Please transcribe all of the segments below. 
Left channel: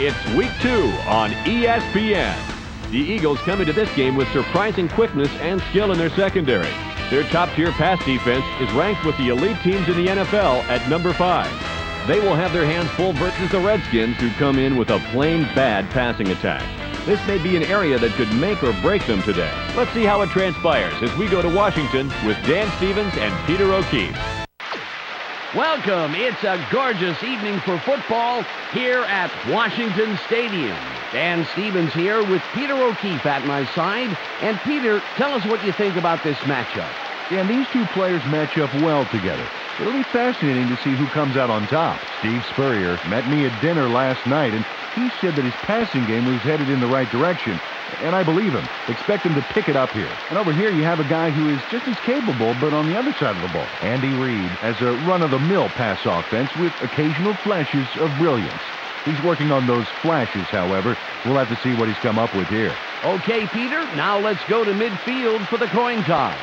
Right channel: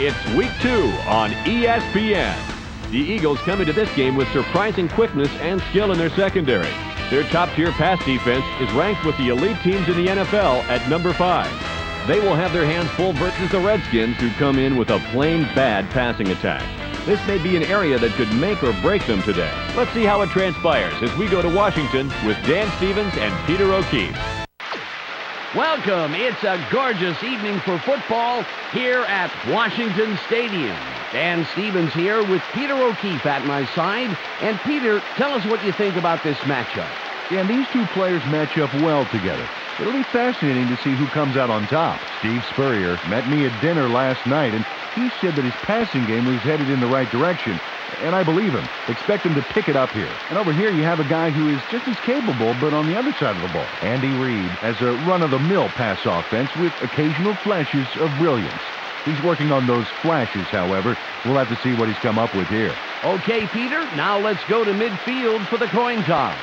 It's Week 2 on ESPN. The Eagles come into this game with surprising quickness and skill in their secondary. Their top-tier pass defense is ranked with the elite teams in the NFL at number 5. They will have their hands full versus the Redskins, who come in with a plain bad passing attack. This may be an area that could make or break them today. Let's see how it transpires as we go to Washington with Dan Stevens and Peter O'Keefe. Welcome. It's a gorgeous evening for football here at Washington Stadium. Dan Stevens here with Peter O'Keefe at my side. And Peter, tell us what you think about this matchup. Yeah, these two players match up well together. It'll be fascinating to see who comes out on top. Steve Spurrier met me at dinner last night, and he said that his passing game was headed in the right direction. And I believe him. Expect him to pick it up here. And over here you have a guy who is just as capable, but on the other side of the ball. Andy Reid has a run-of-the-mill pass offense with occasional flashes of brilliance. He's working on those flashes, however. We'll have to see what he's come up with here. Okay, Peter, now let's go to midfield for the coin toss.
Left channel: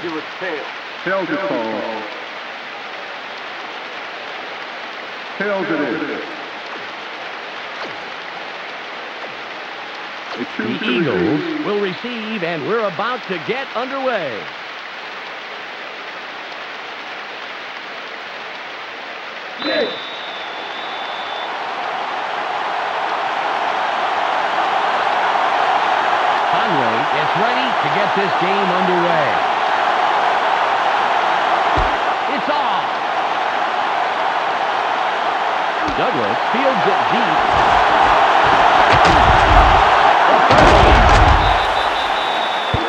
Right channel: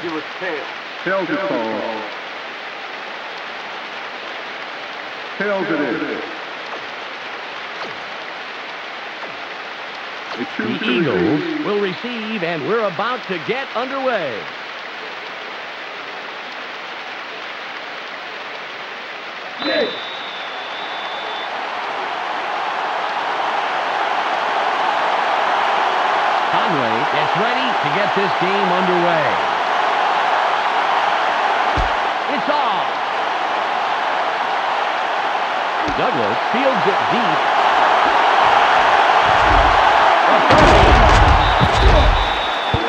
Give us tail. Tails is called. Tails it is. The Eagles will receive, and we're about to get underway. Yes. Conway gets ready to get this game underway. It's off. Douglas fields it deep.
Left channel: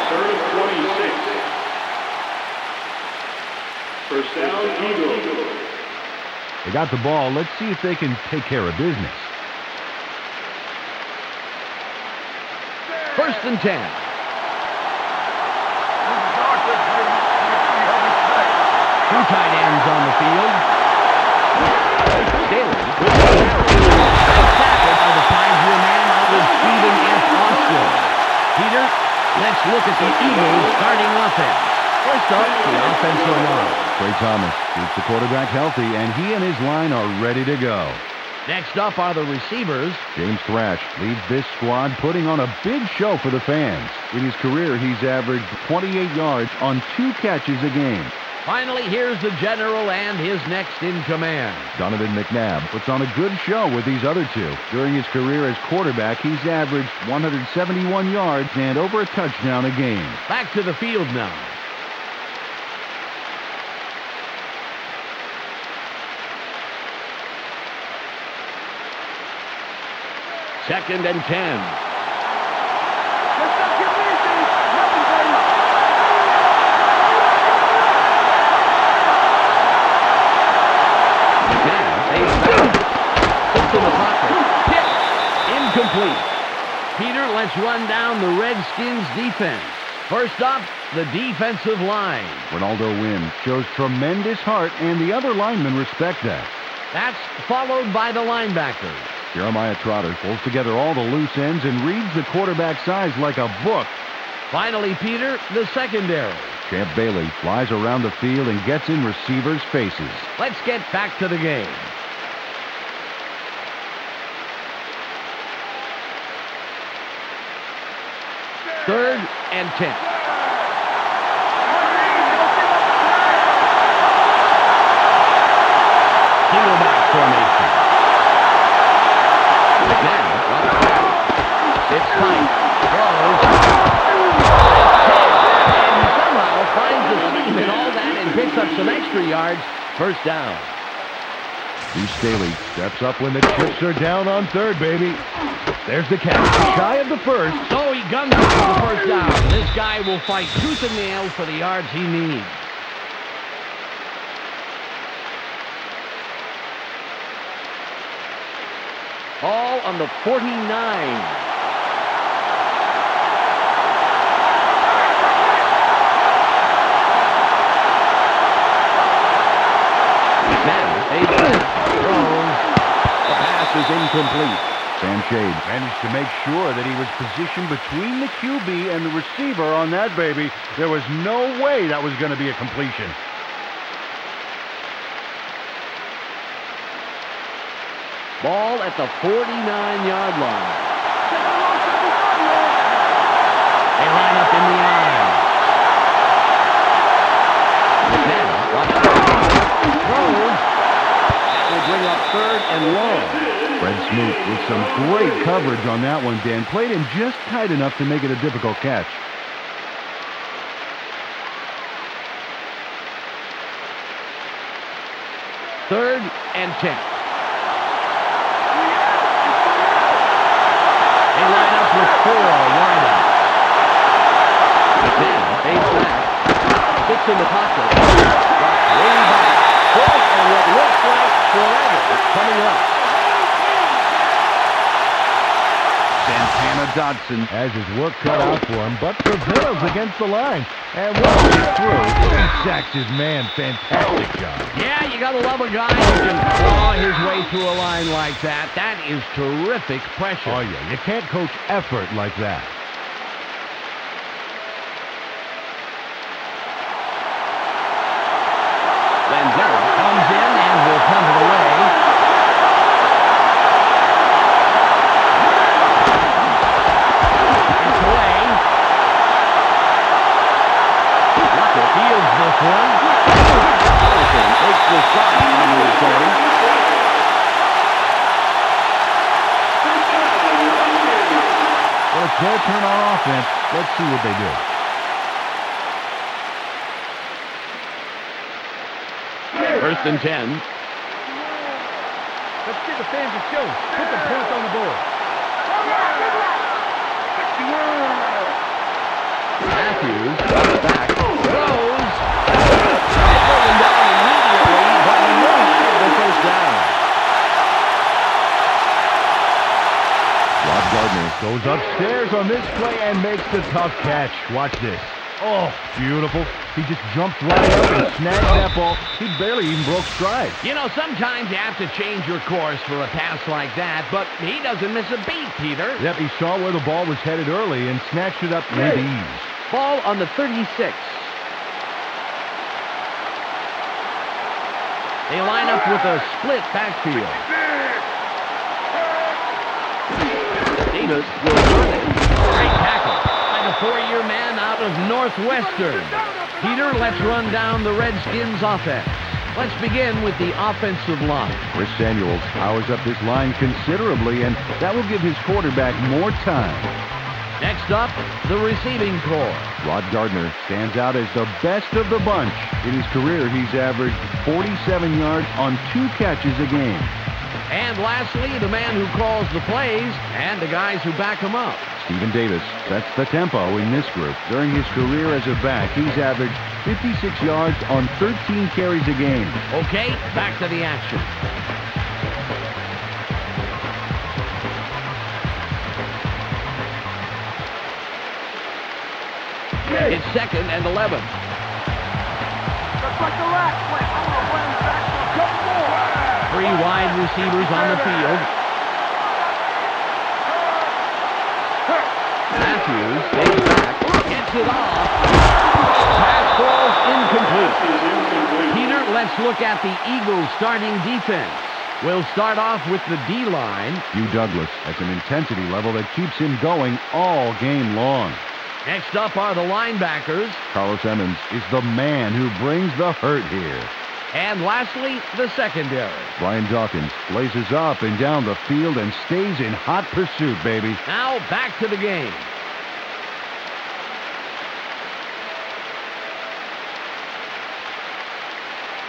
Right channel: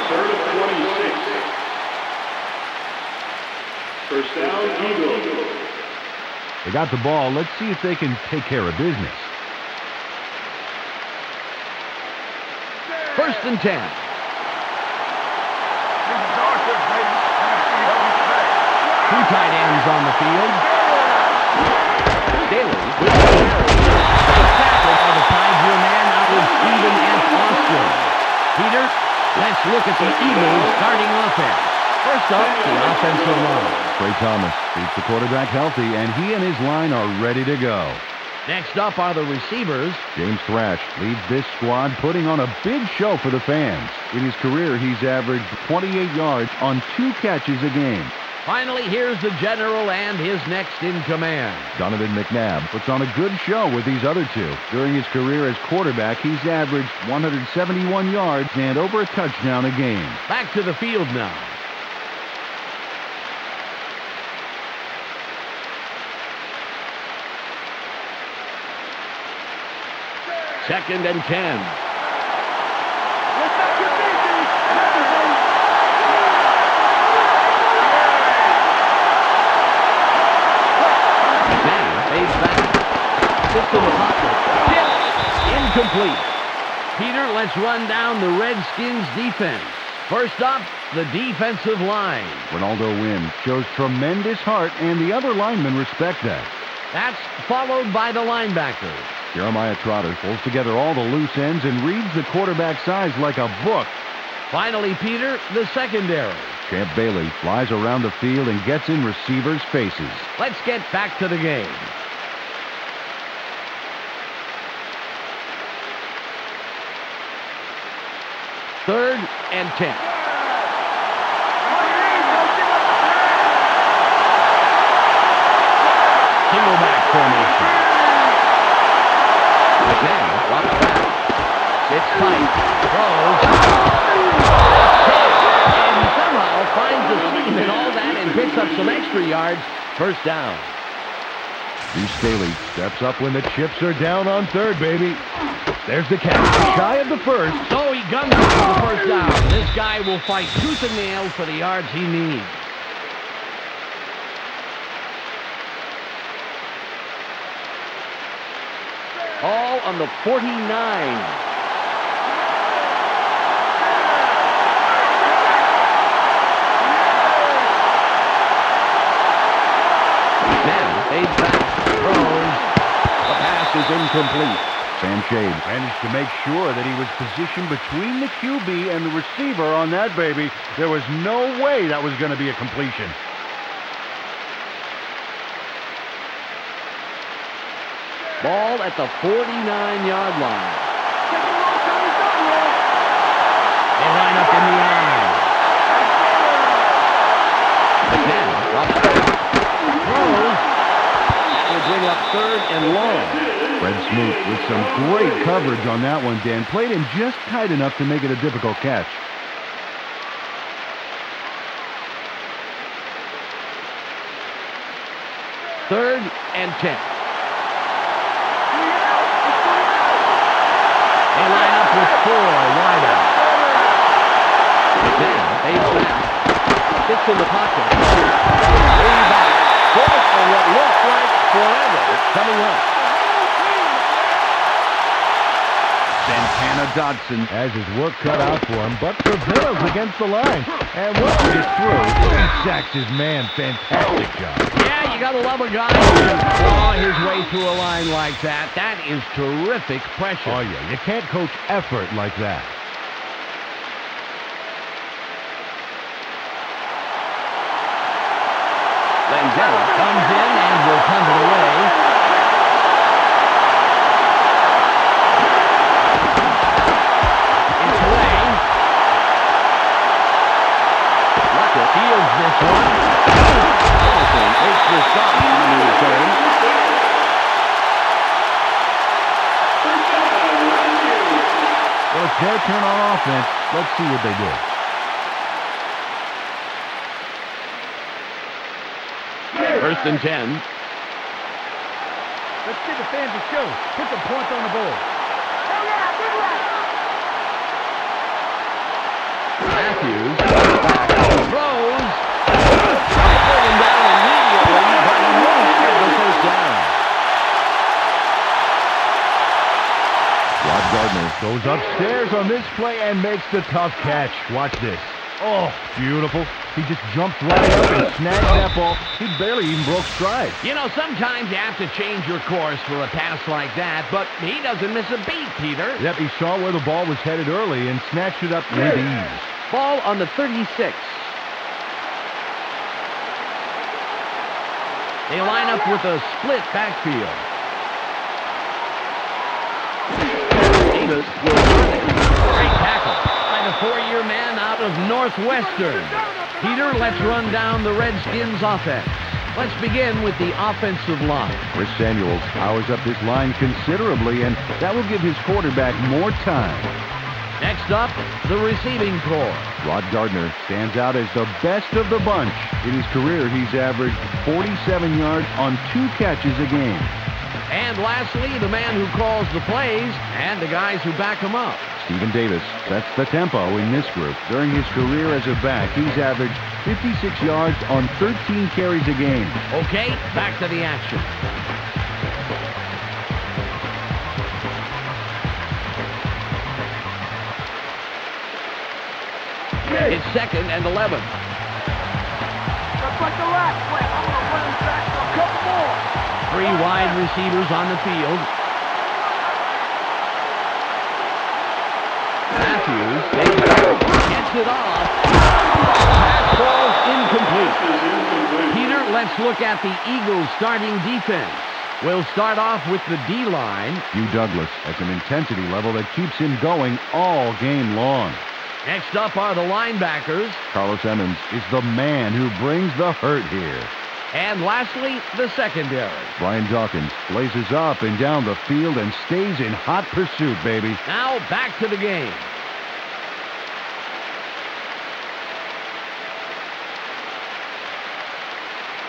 Third and 26. First down, Eagles. They got the ball. Let's see if they can take care of business. First and 10. This is Arthur, baby. Let's see how we play. Two tight ends on the field. Staley with the carry. Nice tackle by the 5-year man out of Stephen F. Austin. Peter, let's look at the Eagles starting offense. First up, the offensive line. Trey Thomas keeps the quarterback healthy, and he and his line are ready to go. Next up are the receivers. James Thrash leads this squad, putting on a big show for the fans. In his career, he's averaged 28 yards on 2 catches a game. Finally, here's the general and his next in command. Donovan McNabb puts on a good show with these other two. During his career as quarterback, he's averaged 171 yards and over a touchdown a game. Back to the field now. Second and 10. Let's not get busy. Nothing, baby. Now, fades back. Sits in the pocket. Tipped. Incomplete. Peter, let's run down the Redskins defense. First up, the defensive line. Ronaldo Wynn shows tremendous heart, and the other linemen respect that. That's followed by the linebackers. Jeremiah Trotter pulls together all the loose ends and reads the quarterback's eyes like a book. Finally, Peter, the secondary. Champ Bailey flies around the field and gets in receivers' faces. Let's get back to the game. Third and 10. Single back formation. McNabb drops back. Sits tight. Throws. And he somehow finds the seam in all that and picks up some extra yards. First down. Steve Staley steps up when the chips are down on third, baby. There's the catch. Shy of the first. So he guns it for the first down. This guy will fight tooth and nail for the yards he needs. All on the 49. Now, fades back, throws. The pass is incomplete. Sam Shade managed to make sure that he was positioned between the QB and the receiver on that baby. There was no way that was going to be a completion. Ball at the 49-yard line. Taking a long time to start, man. They line up in the I. McNabb drops back. Throws. That will bring up 3rd and long. Fred Smoot with some great coverage on that one, Dan. Played him just tight enough to make it a difficult catch. Third and 10. They line up with 4 wide out. McNabb fades back. Sits in the pocket. Way back. 4th and what looks like forever coming up. Santana Dotson has his work cut out for him, but prevails against the line. And once he gets through, he sacks his man. Fantastic job. Yeah, you gotta love a guy who can claw his way through a line like that. That is terrific pressure. Oh, yeah, you can't coach effort like that. Landella comes in and will punt it away. It's away. Luckett fields this one. Allison makes the stop on the return. Well, it's their turn on offense. Let's see what they do. First and 10. Let's give the fans a show. Put the points on the board. Matthews back, throws. They bring him down immediately, but he will have the first down. Rod Gardner goes upstairs on this play and makes the tough catch. Watch this. Oh, beautiful. He just jumped right up and snagged that ball. He barely even broke stride. You know, sometimes you have to change your course for a pass like that, but he doesn't miss a beat, Peter. Yep, he saw where the ball was headed early and snatched it up with ease. Ball on the 36. They line up with a split backfield. Davis will run it. Great tackle by the 4-year man out of Northwestern. Peter, let's run down the Redskins offense. Let's begin with the offensive line. Chris Samuels powers up this line considerably, and that will give his quarterback more time. Next up, the receiving corps. Rod Gardner stands out as the best of the bunch. In his career, he's averaged 47 yards on 2 catches a game. And lastly, the man who calls the plays and the guys who back him up. Stephen Davis sets the tempo in this group. During his career as a back, he's averaged 56 yards on 13 carries a game. Okay, back to the action. It's 2nd and 11. Just like the last play, I'm going to run him back for a couple more. 3 wide receivers on the field. Matthews takes back, gets it off. Pass falls incomplete. Peter, let's look at the Eagles' starting defense. We'll start off with the D-line. Hugh Douglas has an intensity level that keeps him going all game long. Next up are the linebackers. Carlos Emmons is the man who brings the hurt here. And lastly, the secondary. Brian Dawkins blazes up and down the field and stays in hot pursuit, baby. Now back to the game.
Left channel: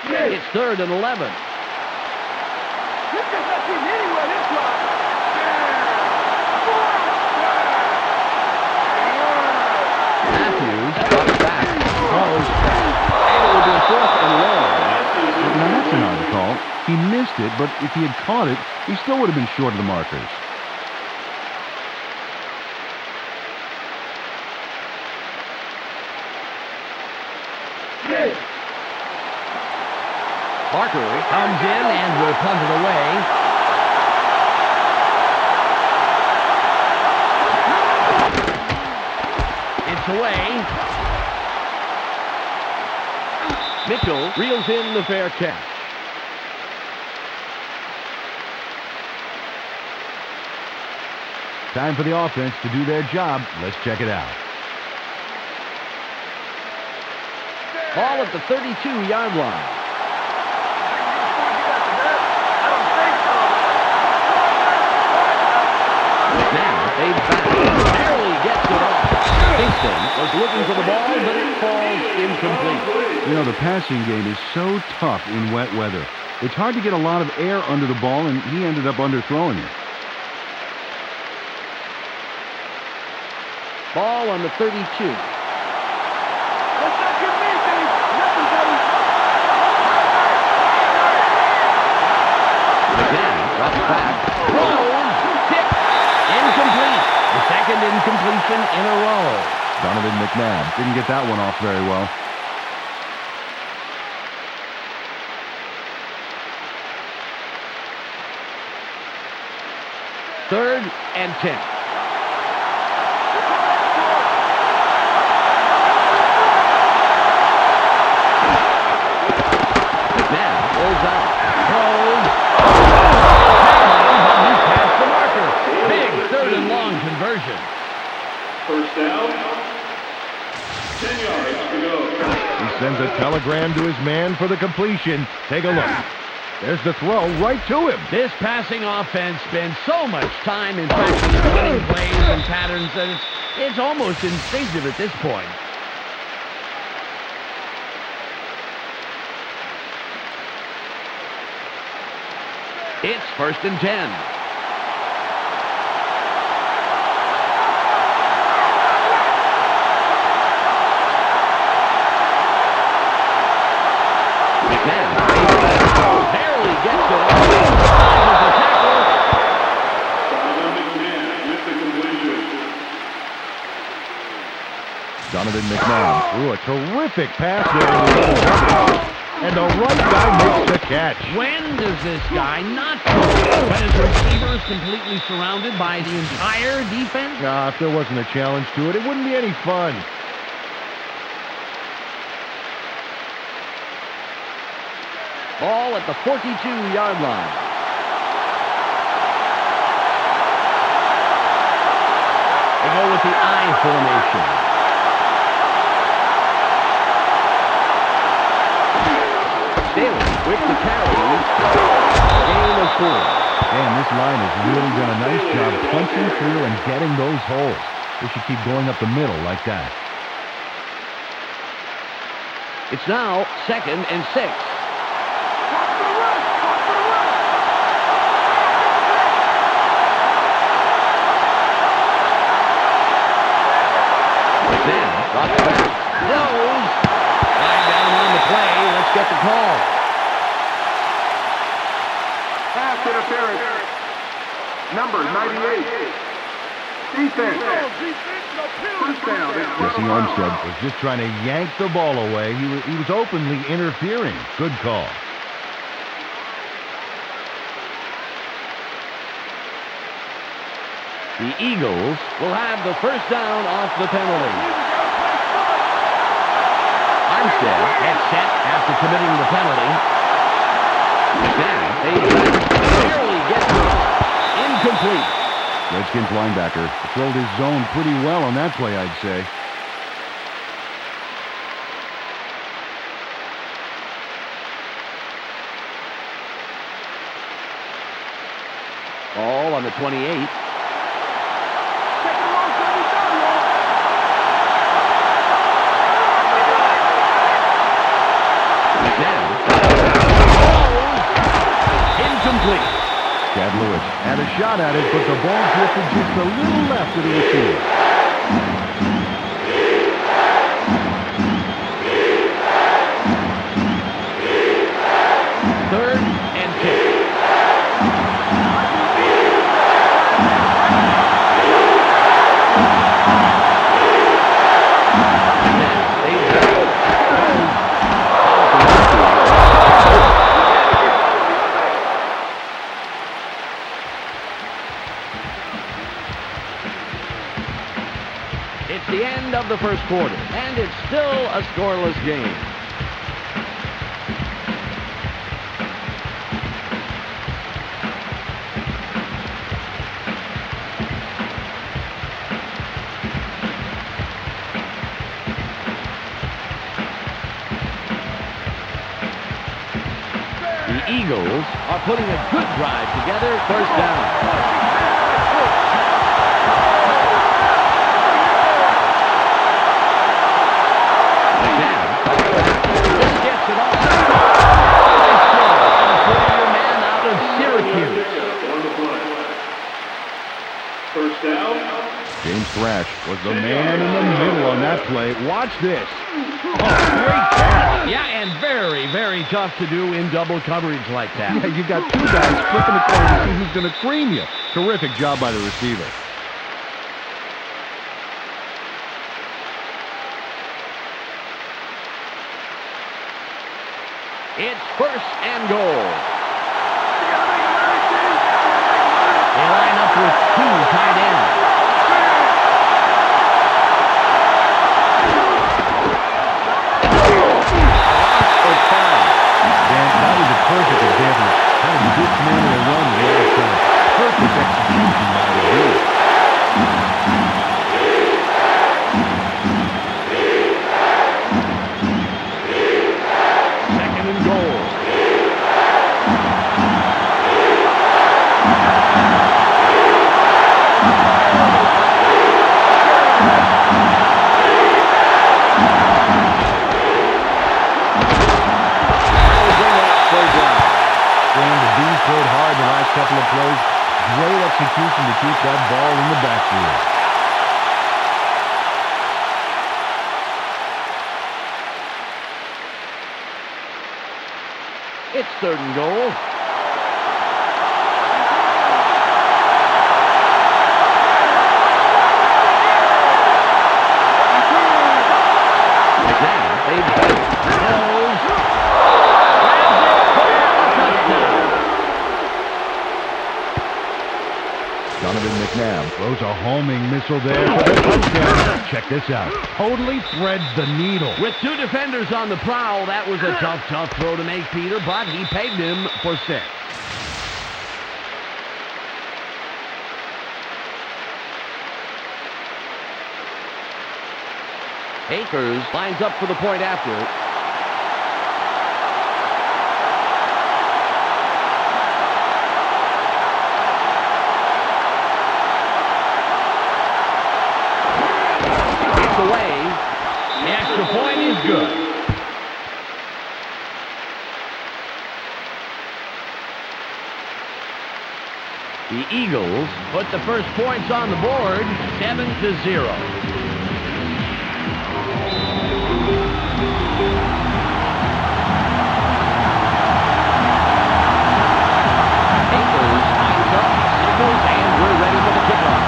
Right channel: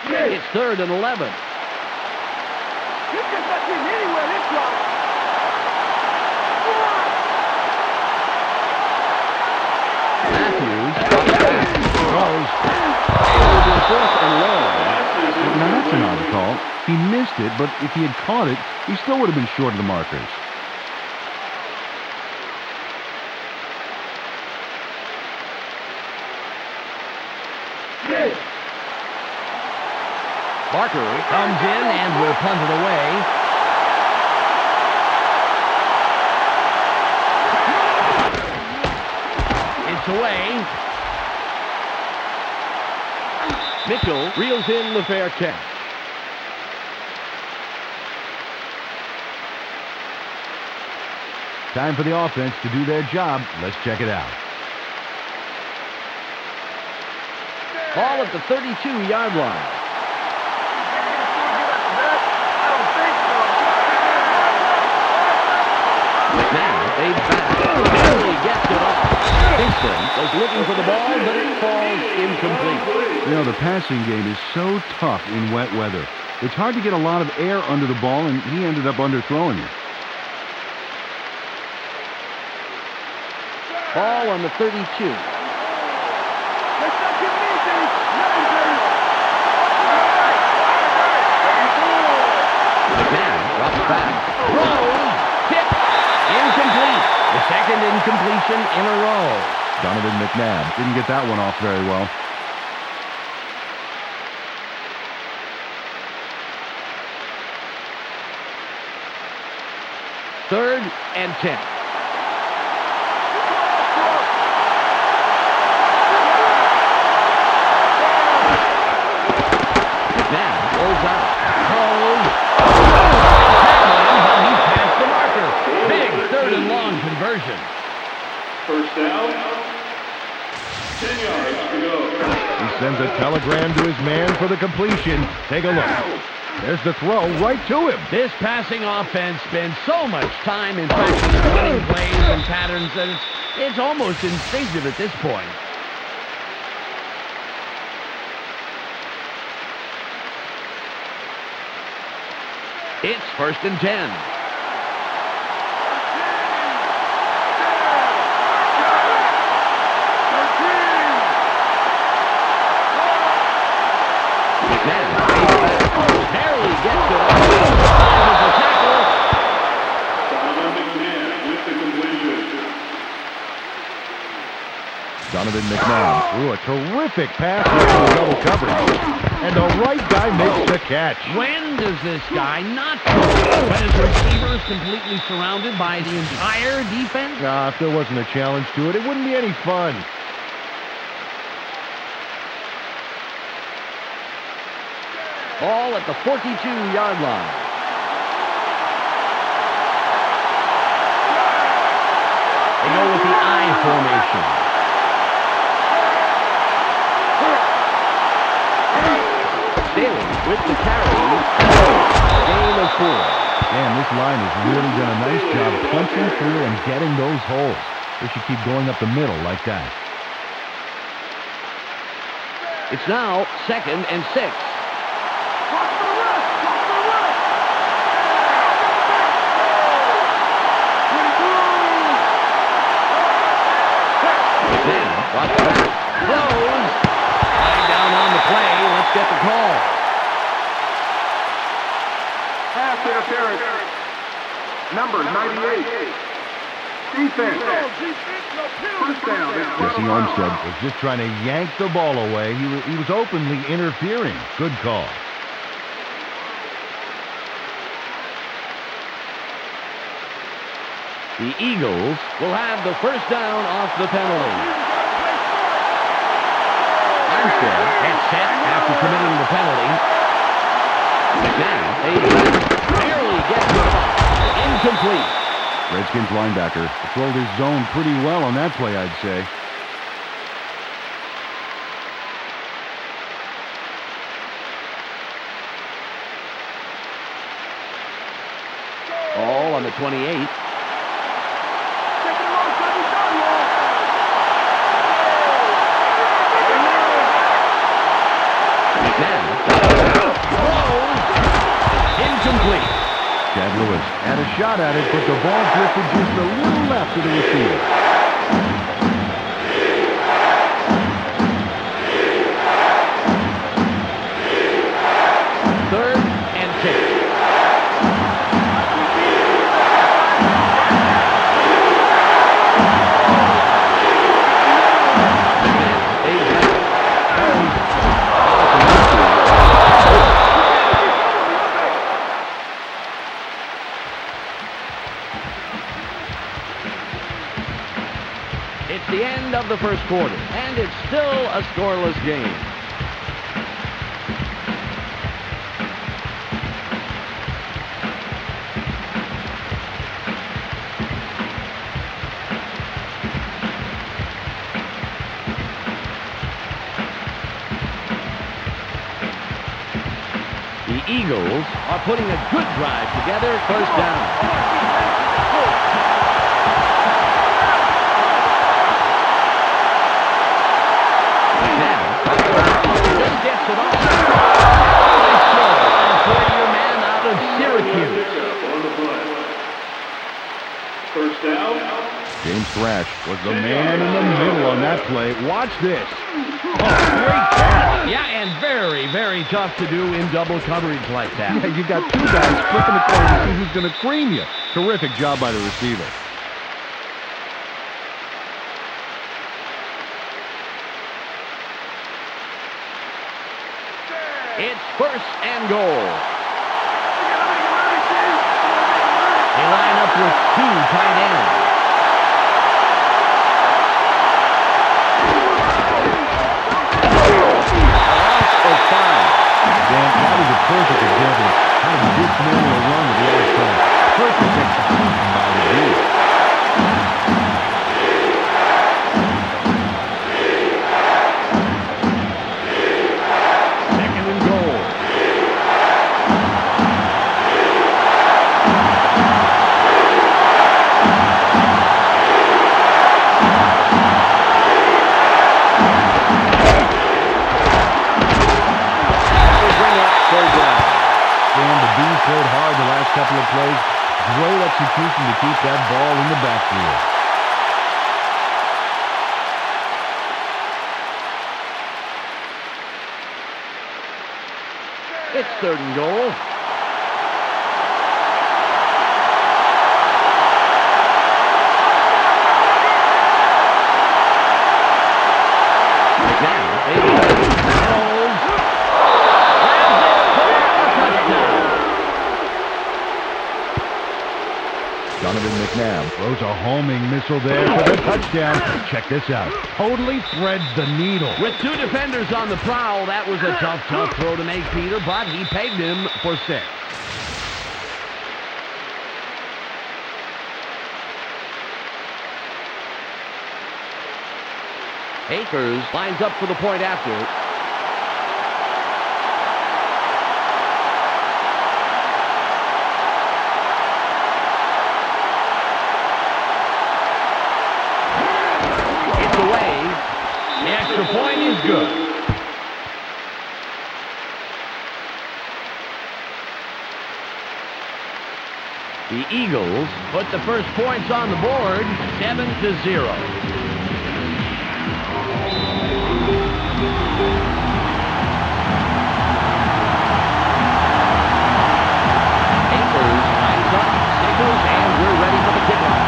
It's 3rd and 11. You just not getting anywhere this drive. Matthews drops back, throws, and it will be 4th and long. Now that's an odd call. He missed it, but if he had caught it, he still would have been short of the markers. Barker comes in and will punt it away. It's away. Mitchell reels in the fair catch. Time for the offense to do their job. Let's check it out. Ball at the 32-yard line. I don't think so. Now they back. Barely gets it off. Kingston was looking for the ball, but it falls incomplete. You know, the passing game is so tough in wet weather. It's hard to get a lot of air under the ball, and he ended up underthrowing it. Ball on the 32. Let's not get me, Dave. Nothing, Dave. McNabb drops back. Throws. Tip. Incomplete. The second incompletion in a row. Donovan McNabb didn't get that one off very well. Third and 10. McNabb rolls out. Throws. But he's past the marker. Big third and long conversion. First down. 10 yards to go. He sends a telegram to his man for the completion. Take a look. There's the throw right to him. This passing offense spends so much time in practicing running plays and patterns that it's almost instinctive at this point. It's first and 10. McNabb barely gets it off. Dodges the tackle. Donovan McNabb with the completion. Donovan McNabb threw a terrific pass into double coverage. And the right guy makes the catch. When does this guy not throw? When his receiver is completely surrounded by the entire defense? If there wasn't a challenge to it, it wouldn't be any fun. Ball at the 42-yard line. They go with the I formation. Staley with the carry. Gain of 4. Man, this line has really done a nice job punching through and getting those holes. They should keep going up the middle like that. It's now second and 6. Watch for the run. Watch for the run. Then drops back. Throws. Flag down on the play. Let's get the call. Pass interference. Number 98. Defense. First down. Jesse Armstead was just trying to yank the ball away. He was openly interfering. Good call. The Eagles will have the first down off the penalty. Armstead gets set after committing the penalty. Now they barely gets it off. Incomplete. Redskins linebacker controlled his zone pretty well on that play, I'd say. Ball on the 28. Incomplete. Chad Lewis had a shot at it, but the ball drifted just a little left of the receiver. Third and 10. It's the end of the first quarter, and it's still a scoreless game. The Eagles are putting a good drive together. First down. Just gets it off. Nice throw. And a 40-year man out of Syracuse. On the play. First down. James Thrash was the man in the middle on that play. Watch this. Oh, great catch. Yeah, and very, very tough to do in double coverage like that. Yeah, you got two guys flipping the corner to see who's going to cream you. Terrific job by the receiver. It's first and goal. They line up with two tight ends. A loss of 5. Dan, that was a perfect example of how to dismantle a run to the outside. Perfect execution by the D. Second and goal. Dan, the D's played hard the last couple of plays. Great execution to keep that ball in the backfield. It's third and goal. McNabb, baby, throws, grabs it for a touchdown. Donovan McNabb throws a homing missile there for the touchdown. Check this out. Totally threads the needle. With two defenders on the prowl, that was a tough throw to make, Peter, but he pegged him for 6. Akers lines up for the point after. It's away. The extra point is good. The Eagles put the first points on the board, 7-0. Akers lines up, signals, and we're ready for the kickoff.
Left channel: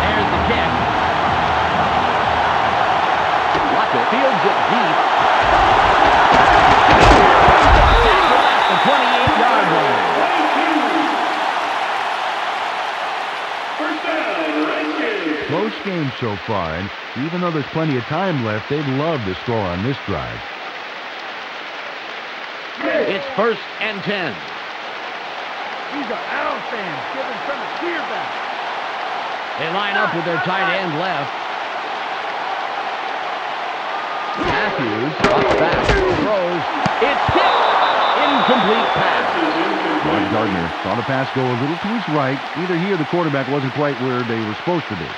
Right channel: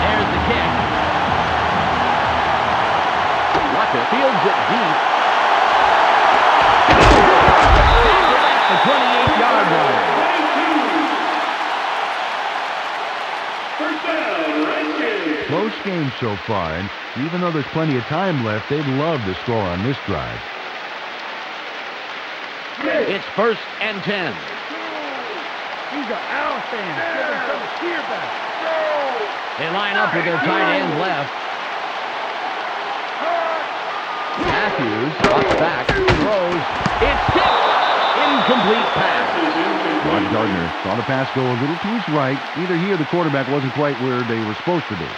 There's the kick. Urlacher fields it deep. Tackle at the 28-yard line. 22. First down, Redskins. Close game so far, and even though there's plenty of time left, they'd love to score on this drive. It's first and 10. These are Al fans. Give them some cheer back. They line up with their tight end left. Matthews drops back, throws. It's tipped. Incomplete pass. Mark Gardner saw the pass go a little to his right. Either he or the quarterback wasn't quite where they were supposed to be.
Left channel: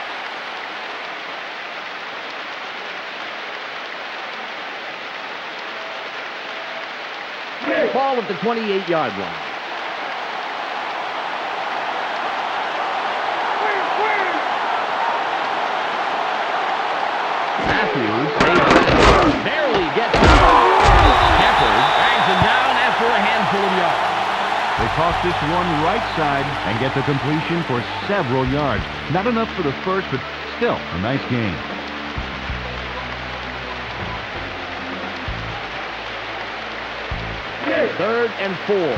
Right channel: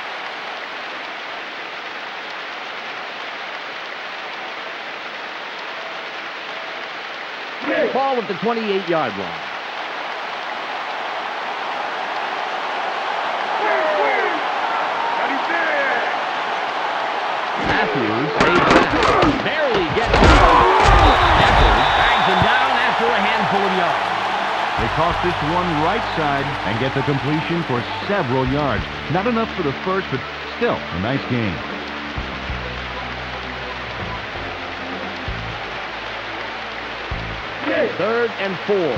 Ball at the 28-yard line. Matthews saves that. Barely gets it. Shepard bangs him down after a handful of yards. They toss this one right side and get the completion for several yards. Not enough for the first, but still a nice game. Third and 4. It's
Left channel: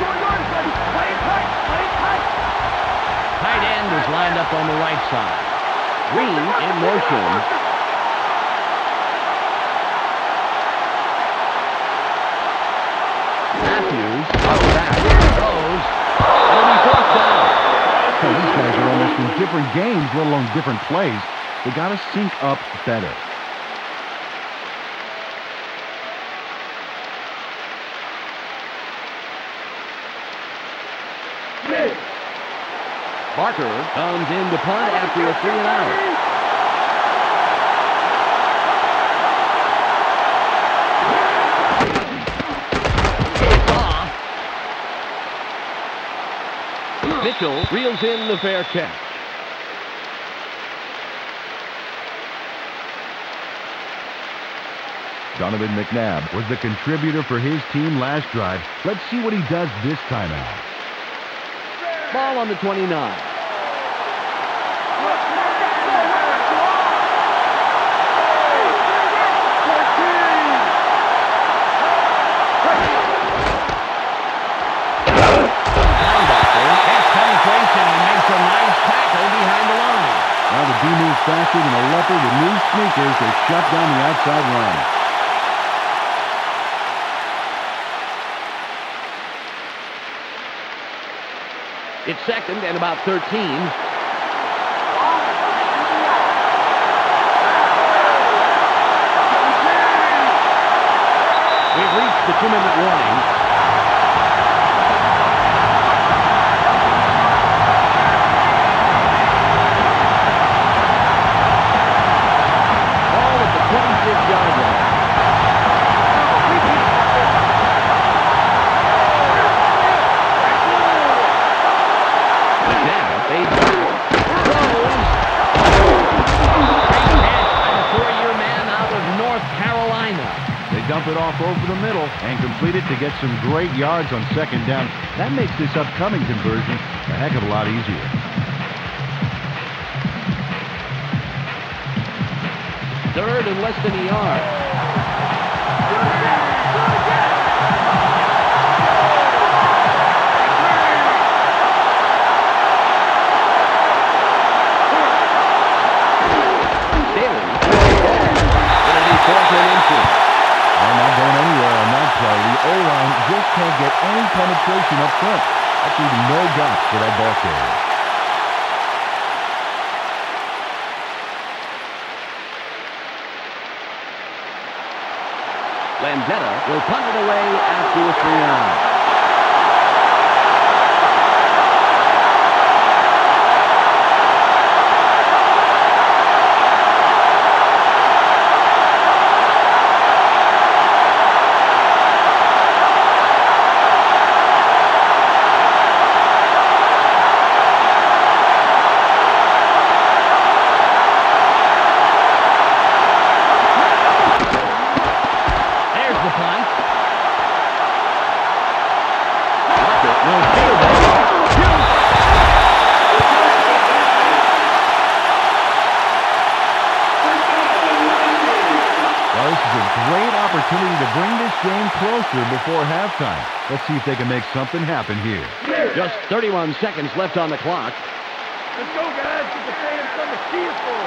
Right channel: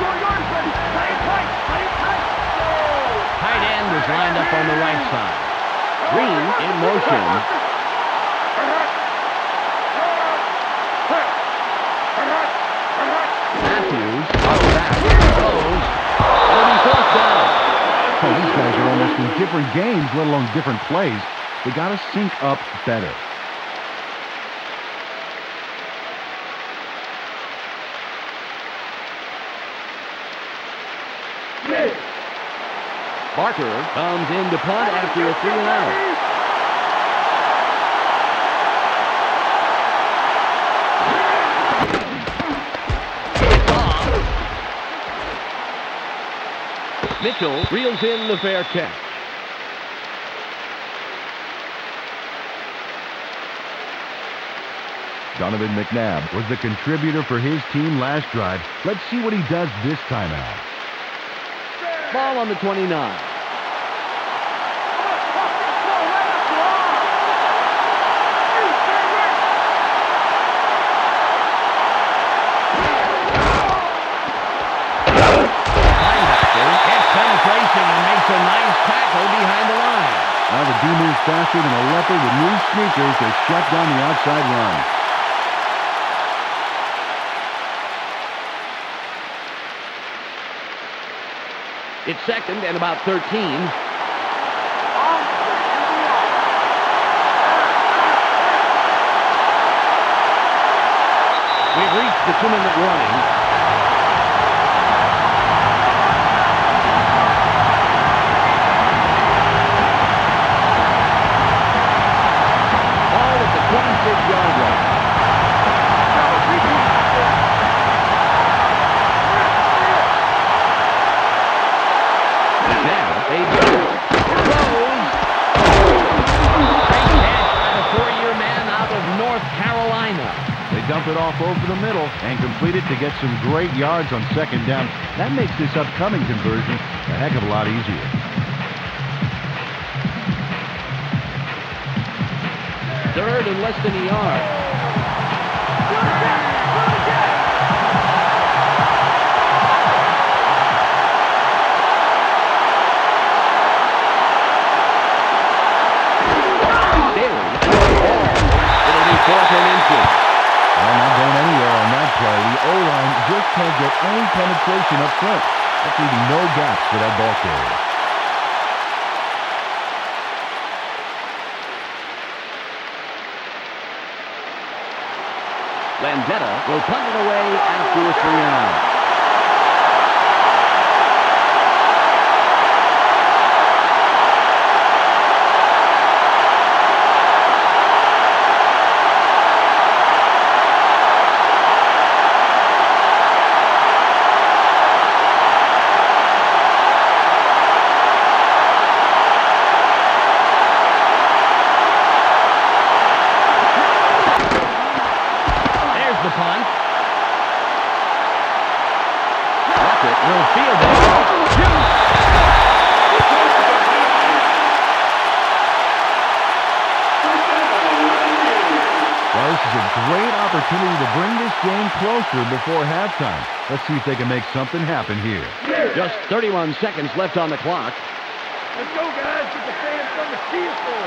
your yards, buddy. Play it tight. Play it tight. Tight end is lined up on the right side. Green in motion. Matthews up back, throws. It'll be fourth down. Oh, these guys are almost in different games, let alone different plays. They got to sync up better. Barker comes in to punt after a 3 and out. Mitchell reels in the fair catch. Donovan McNabb was the contributor for his team last drive. Let's see what he does this time out. Ball on the 29. Gets penetration and makes a nice tackle behind the line. Now the D moves faster than a leopard with new sneakers to shut down the outside run. It's second and about 13. We've reached the 2-minute warning. Ball at the 26-yard line. Now, they throws. Great catch by the 4-year man out of North Carolina. They dump it off over the middle and complete it to get some great yards on second down. That makes this upcoming conversion a heck of a lot easier. Third and less than a yard. It'll be 4th and inches. Well, not going anywhere on that play. The O-line just can't get any penetration up front. That's leaving no gaps for that ball carrier. Landetta will punt it away after a 3 and out. The punt. Lockett will field it. Shoot! Well, this is a great opportunity to bring this game closer before halftime. Let's see if they can make something happen here. Just 31 seconds left on the clock. Let's go, guys. Get the fans something to cheer for.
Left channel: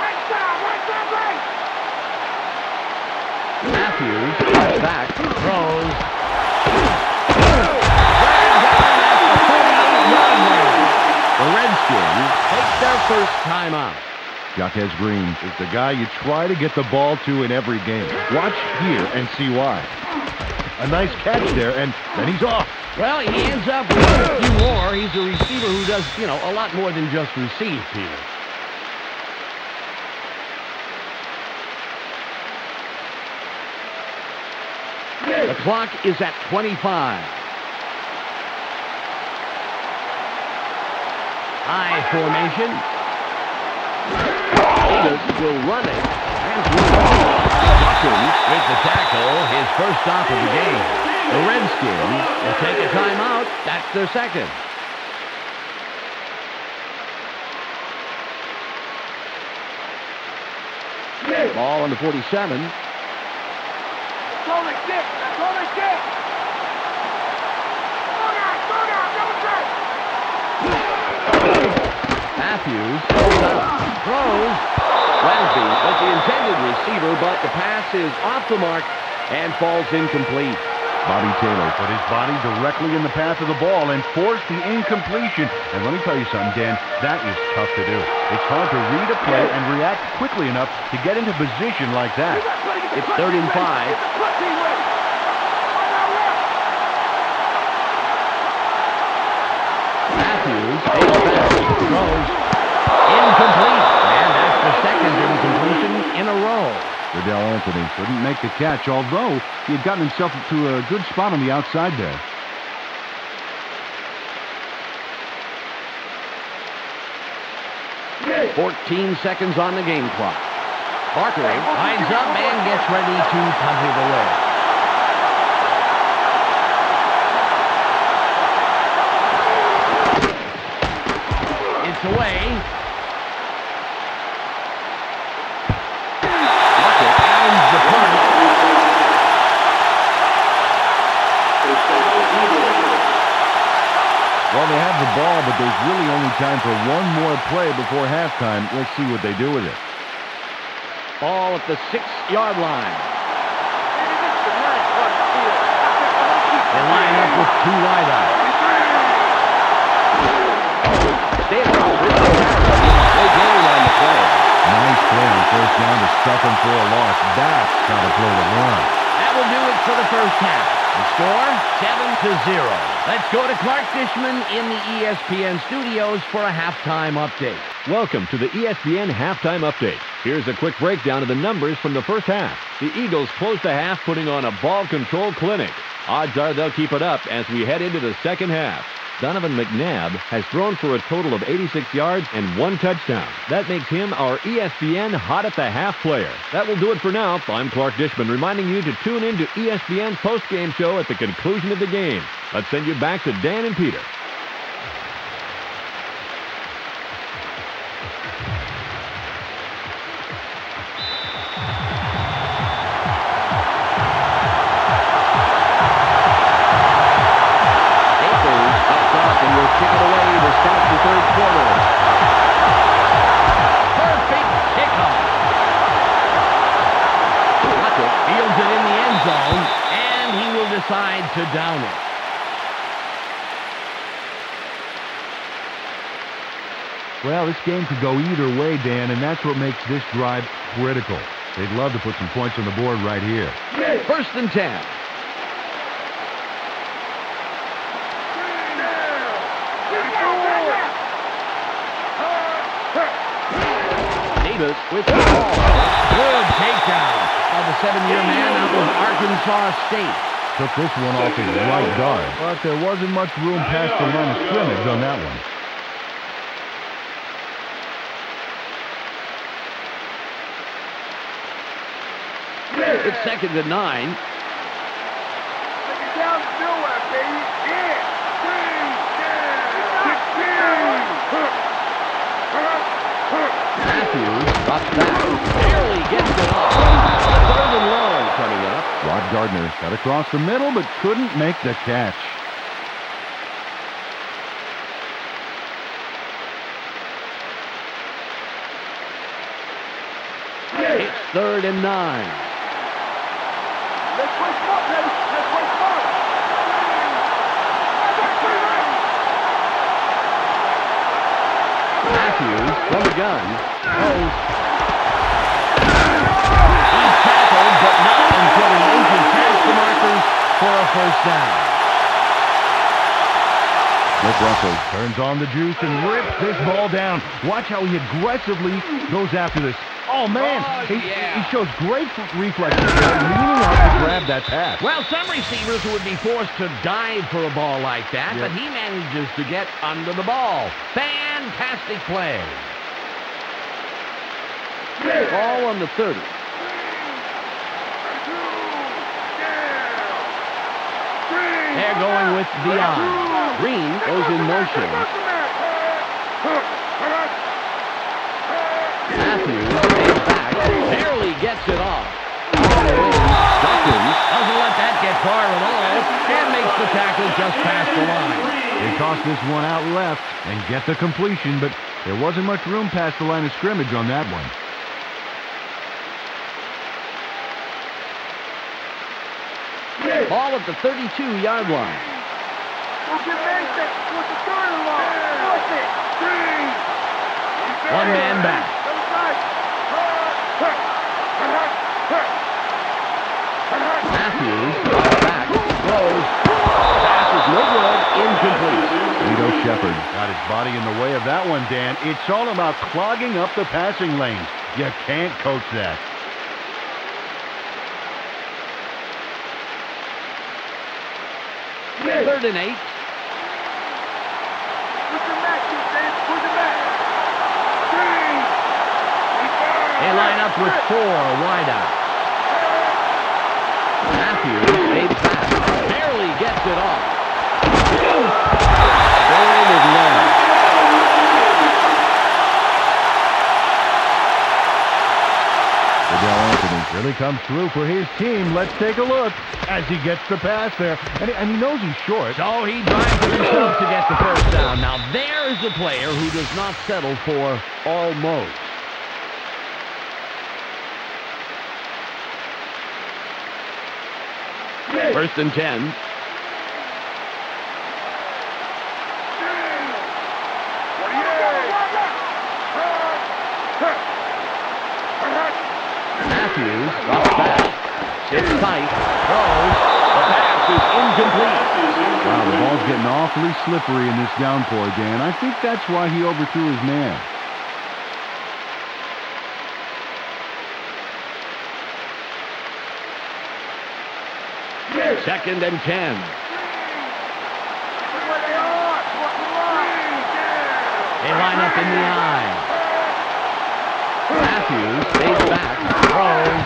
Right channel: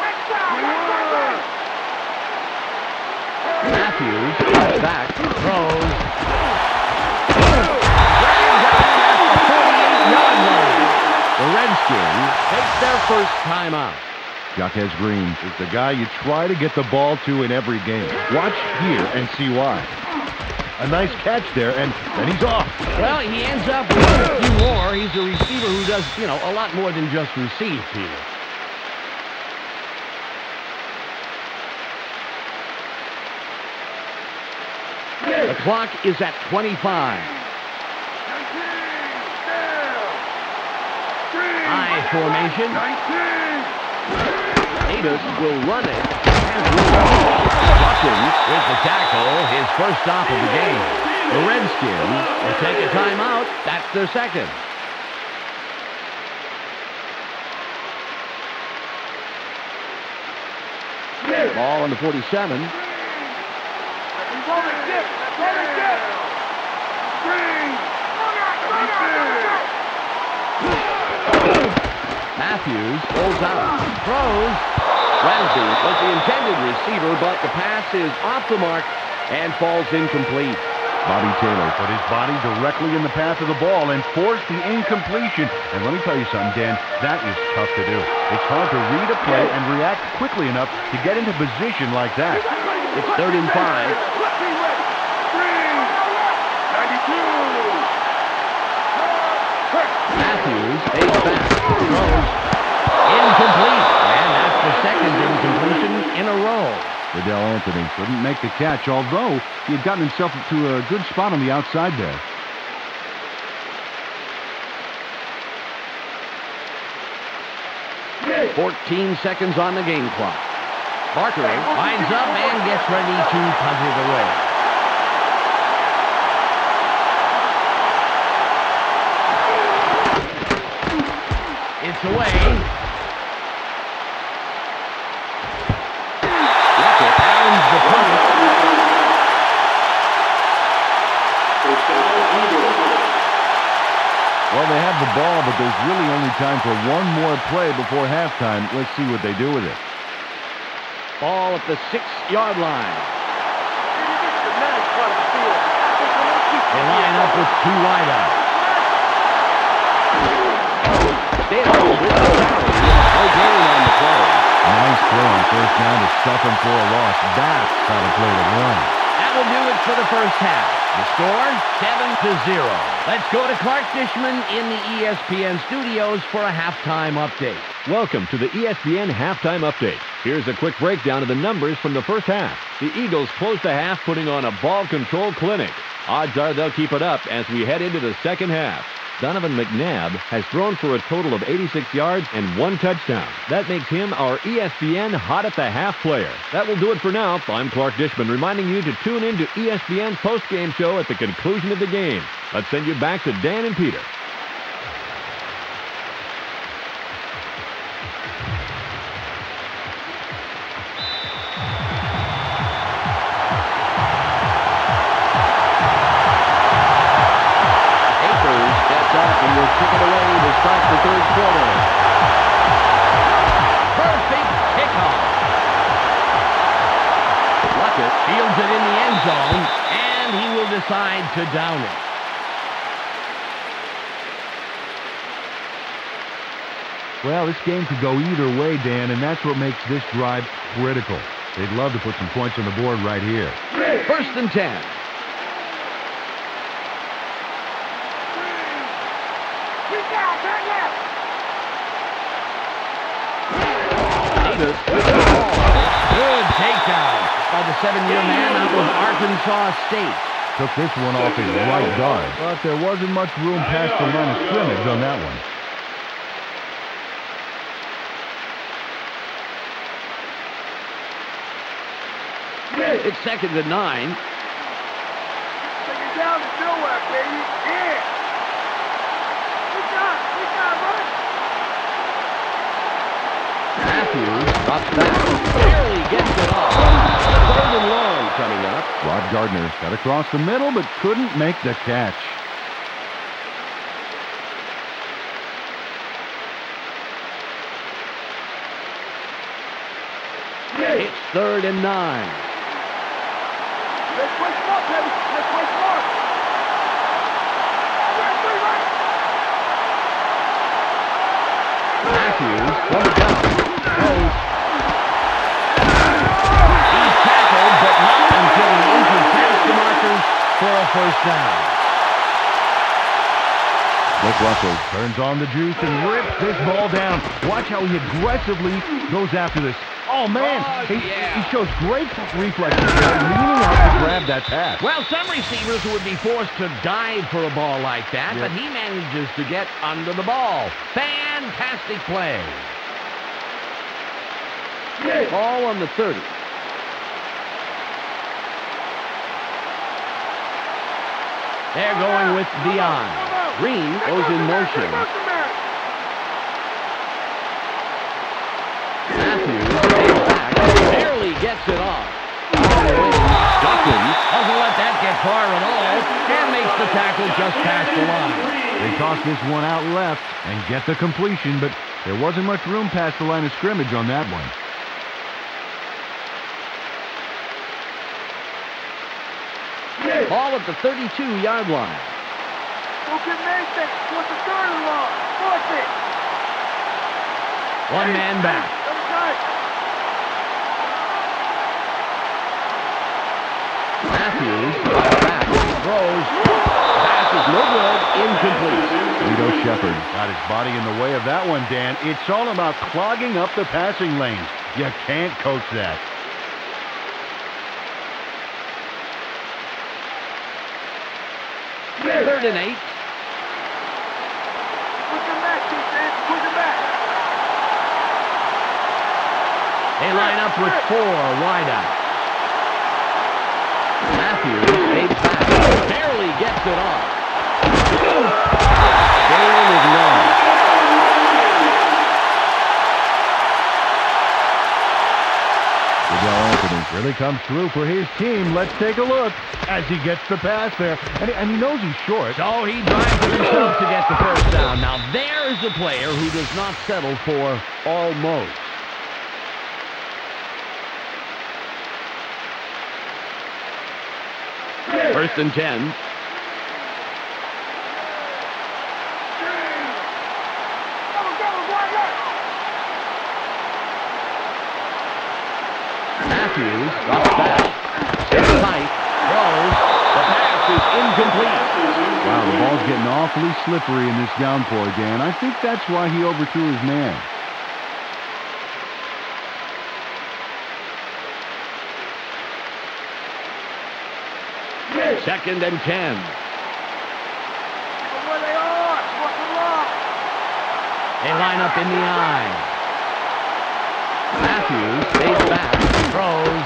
Right side, right side, right. Matthews cuts back, throws. Dragged down at the 48-yard line. The Redskins take their first timeout. Jaquez Green is the guy you try to get the ball to in every game. Watch here and see why. A nice catch there, and then he's off. Well, he ends up with a few more. He's a receiver who does, a lot more than just receive, Peter. The clock is at 25. I formation. Davis will run it. Buckland with the tackle, his first stop of the game. The Redskins will take a timeout. That's their second. Ball on the 47. That's all they get. That's all they get. Matthews pulls out, throws. Ramsey was the intended receiver, but the pass is off the mark and falls incomplete. Bobby Taylor put his body directly in the path of the ball and forced the incompletion. And let me tell you something, Dan, that is tough to do. It's hard to read a play and react quickly enough to get into position like that. It's 3rd and 5. stays back. Throws. Incomplete. And that's the second incompletion in a row. Riddell Anthony couldn't make the catch, although he had gotten himself to a good spot on the outside there. Okay. 14 seconds on the game clock. Barker lines up and gets ready to punt it away. It's away. Luckett pounds the punt. First down, Eagles. Well, they have the ball, but there's really only time for one more play before halftime. Let's see what they do with it. Ball at the 6-yard line. Maybe this is the nice part of the field. I think I'm going to keep They line up with 2 wideouts. Staley with the carry. No gain on the play. Nice play on first down to stuff him for a loss. That's how to play the run. That will do it for the first half. The score, 7-0. Let's go to Clark Dishman in the ESPN studios for a halftime update. Welcome to the ESPN Halftime Update. Here's a quick breakdown of the numbers from the first half. The Eagles closed the half putting on a ball control clinic. Odds are they'll keep it up as we head into the second half. Donovan McNabb has thrown for a total of 86 yards and 1 touchdown. That makes him our ESPN Hot at the Half player. That will do it for now. I'm Clark Dishman reminding you to tune in to ESPN's post-game show at the conclusion of the game. Let's send you back to Dan and Peter. Up and will kick it away to start the third quarter. Perfect kickoff. Luckett fields it in the end zone, and he will decide to down it. Well, this game could go either way, Dan, and that's what makes this drive critical. They'd love to put some points on the board right here. 1st and 10. Davis with the ball. Good takedown by the 7-year man out of Arkansas State. Took this one off his right guard, but there wasn't much room past the line of scrimmage on that one. It's 2nd and 9. Take it down to nowhere, baby. Yeah. Matthews drops back. Barely gets it off. 3rd and long coming up. Rod Gardner got across the middle, but couldn't make the catch. It's 3rd and 9. Let's play smart, baby. Let's play smart. Matthews from the gun. Throws. He's tackled, but not until he inches past the markers for a first down. Cliff Russell turns on the juice and rips this ball down. Watch how he aggressively goes after this. Oh, man. He shows great reflexes there, leaning out to grab that pass. Well, some receivers would be forced to dive for a ball like that, but he manages to get under the ball. Fantastic play. Ball on the 30. They're going with Dion. Green goes in motion. Matthews stays back, barely gets it off. Duckins doesn't let that get far at all and makes the tackle just past the line. They toss this one out left and get the completion, but there wasn't much room past the line of scrimmage on that one. Ball at the 32-yard line. Don't give me anything. What's the 3rd and long? Force it. One man back. Matthews drops back, throws, pass is no good, incomplete. Lito Shepard got his body in the way of that one, Dan. It's all about clogging up the passing lanes. You can't coach that. Third and 8. Push him back, defense. Push him back. They line up with 4 wideouts. Matthews stays back. Barely gets it off. Game is lost. Adele Anthony really comes through for his team. Let's take a look as he gets the pass there. And he knows he's short. So he drives it himself to get the first down. Now there is a player who does not settle for almost. First and 10. Matthews drops back, sits tight, throws. The pass is incomplete. Wow, the ball's getting awfully slippery in this downpour, Dan. I think that's why he overthrew his man. Second and 10. Where they are. What's the line? They line up in the eye. Matthews stays back, throws.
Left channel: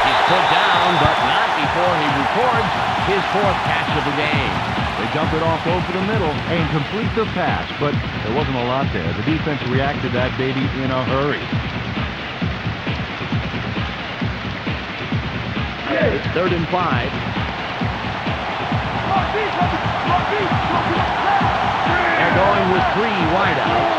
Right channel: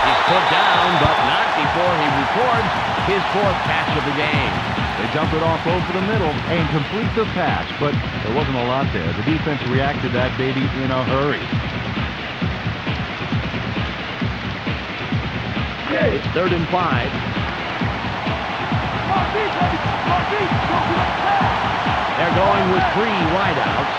He's put down, but not before he records his 4th catch of the game. They dump it off over the middle and complete the pass, but there wasn't a lot there. The defense reacted to that baby in a hurry. It's 3rd and 5. They're going with 3 wideouts.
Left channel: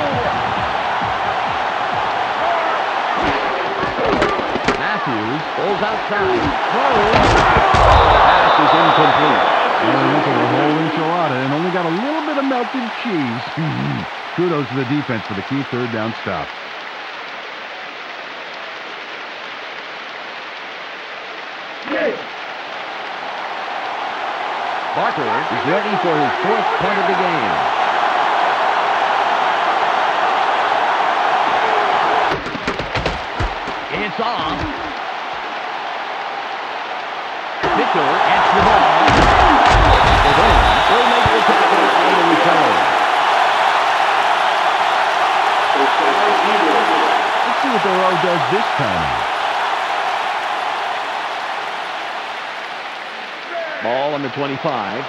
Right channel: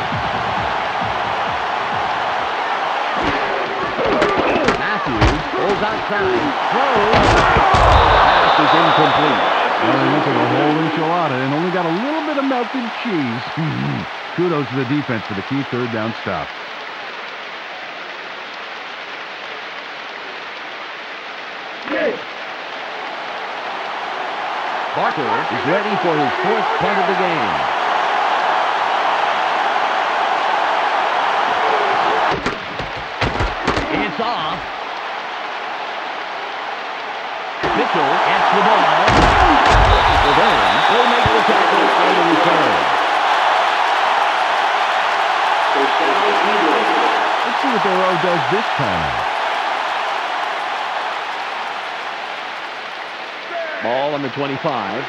Matthews pulls outside, throws. Pass is incomplete. Well, he went for the whole enchilada and only got a little bit of melted cheese. Kudos to the defense for the key 3rd down stop. Barker is ready for his 4th punt of the game. It's off. Mitchell gets the ball. Levine will make the tackle on the return. First down, Eagles. Let's see what their O does this time out. Ball on the 25.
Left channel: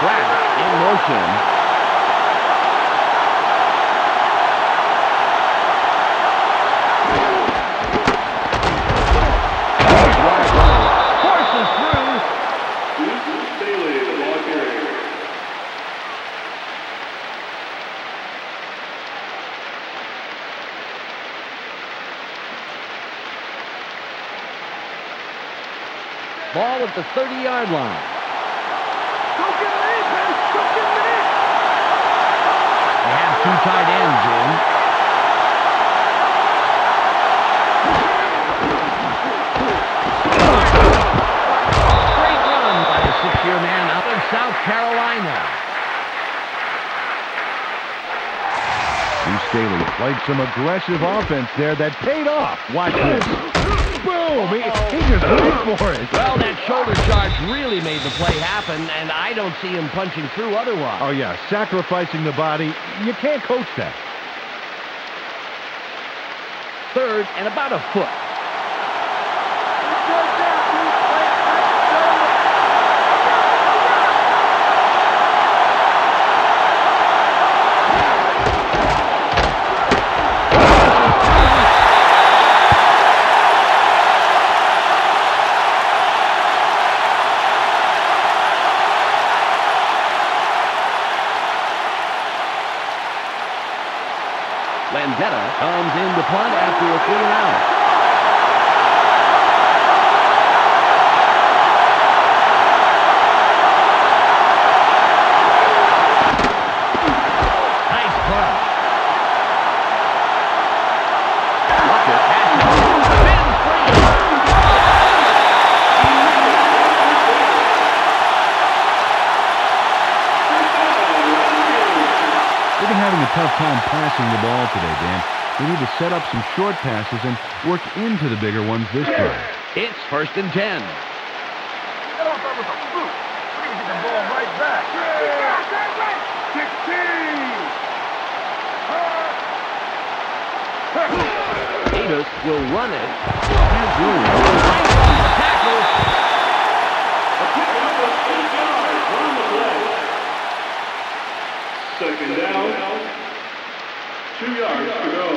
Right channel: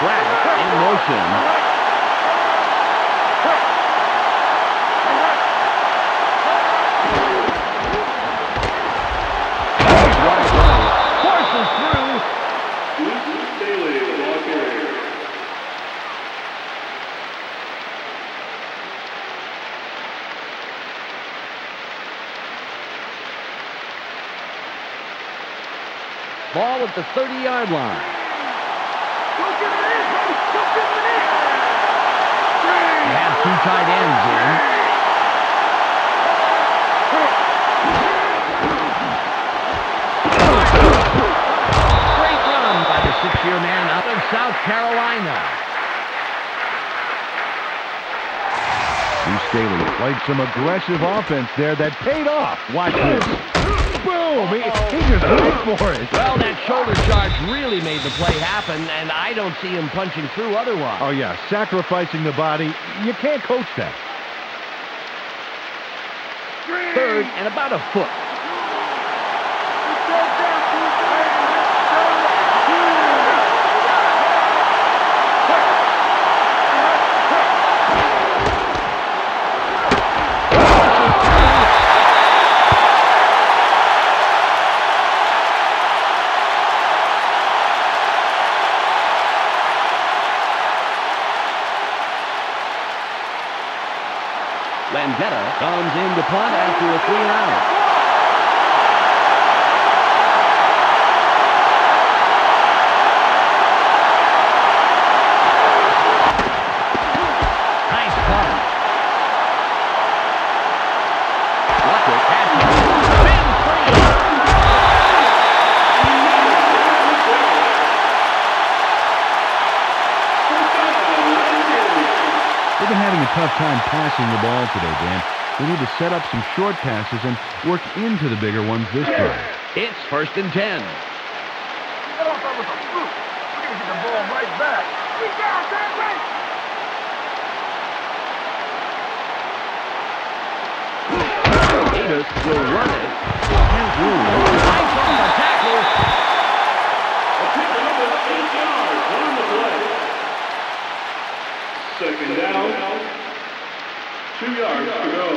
Black in motion. Forces through. Bailey, the ball carrier. Ball at the 30-yard line. Go get him in, baby. Go get him in. They have 2 tight ends in. Great run by the 6-year man out of South Carolina. Staley played some aggressive offense there that paid off. Watch this. Boom! He just went for it. Well, that shoulder charge really made the play happen, and I don't see him punching through otherwise. Oh, yeah, sacrificing the body. You can't coach that. 3rd and about a foot. Landetta comes in to punt after a 3-and-out. Nice punt. They've been having a tough time passing the ball today, Dan. They need to set up some short passes and work into the bigger ones this time. It's 1st and 10. Get off that with a fluke. We're going to get the ball right back. Get down, that's right. Davis will run it. Has room. Nice off a tackle. A pickup of 8 yards on the play. 2nd down. 2 yards to go.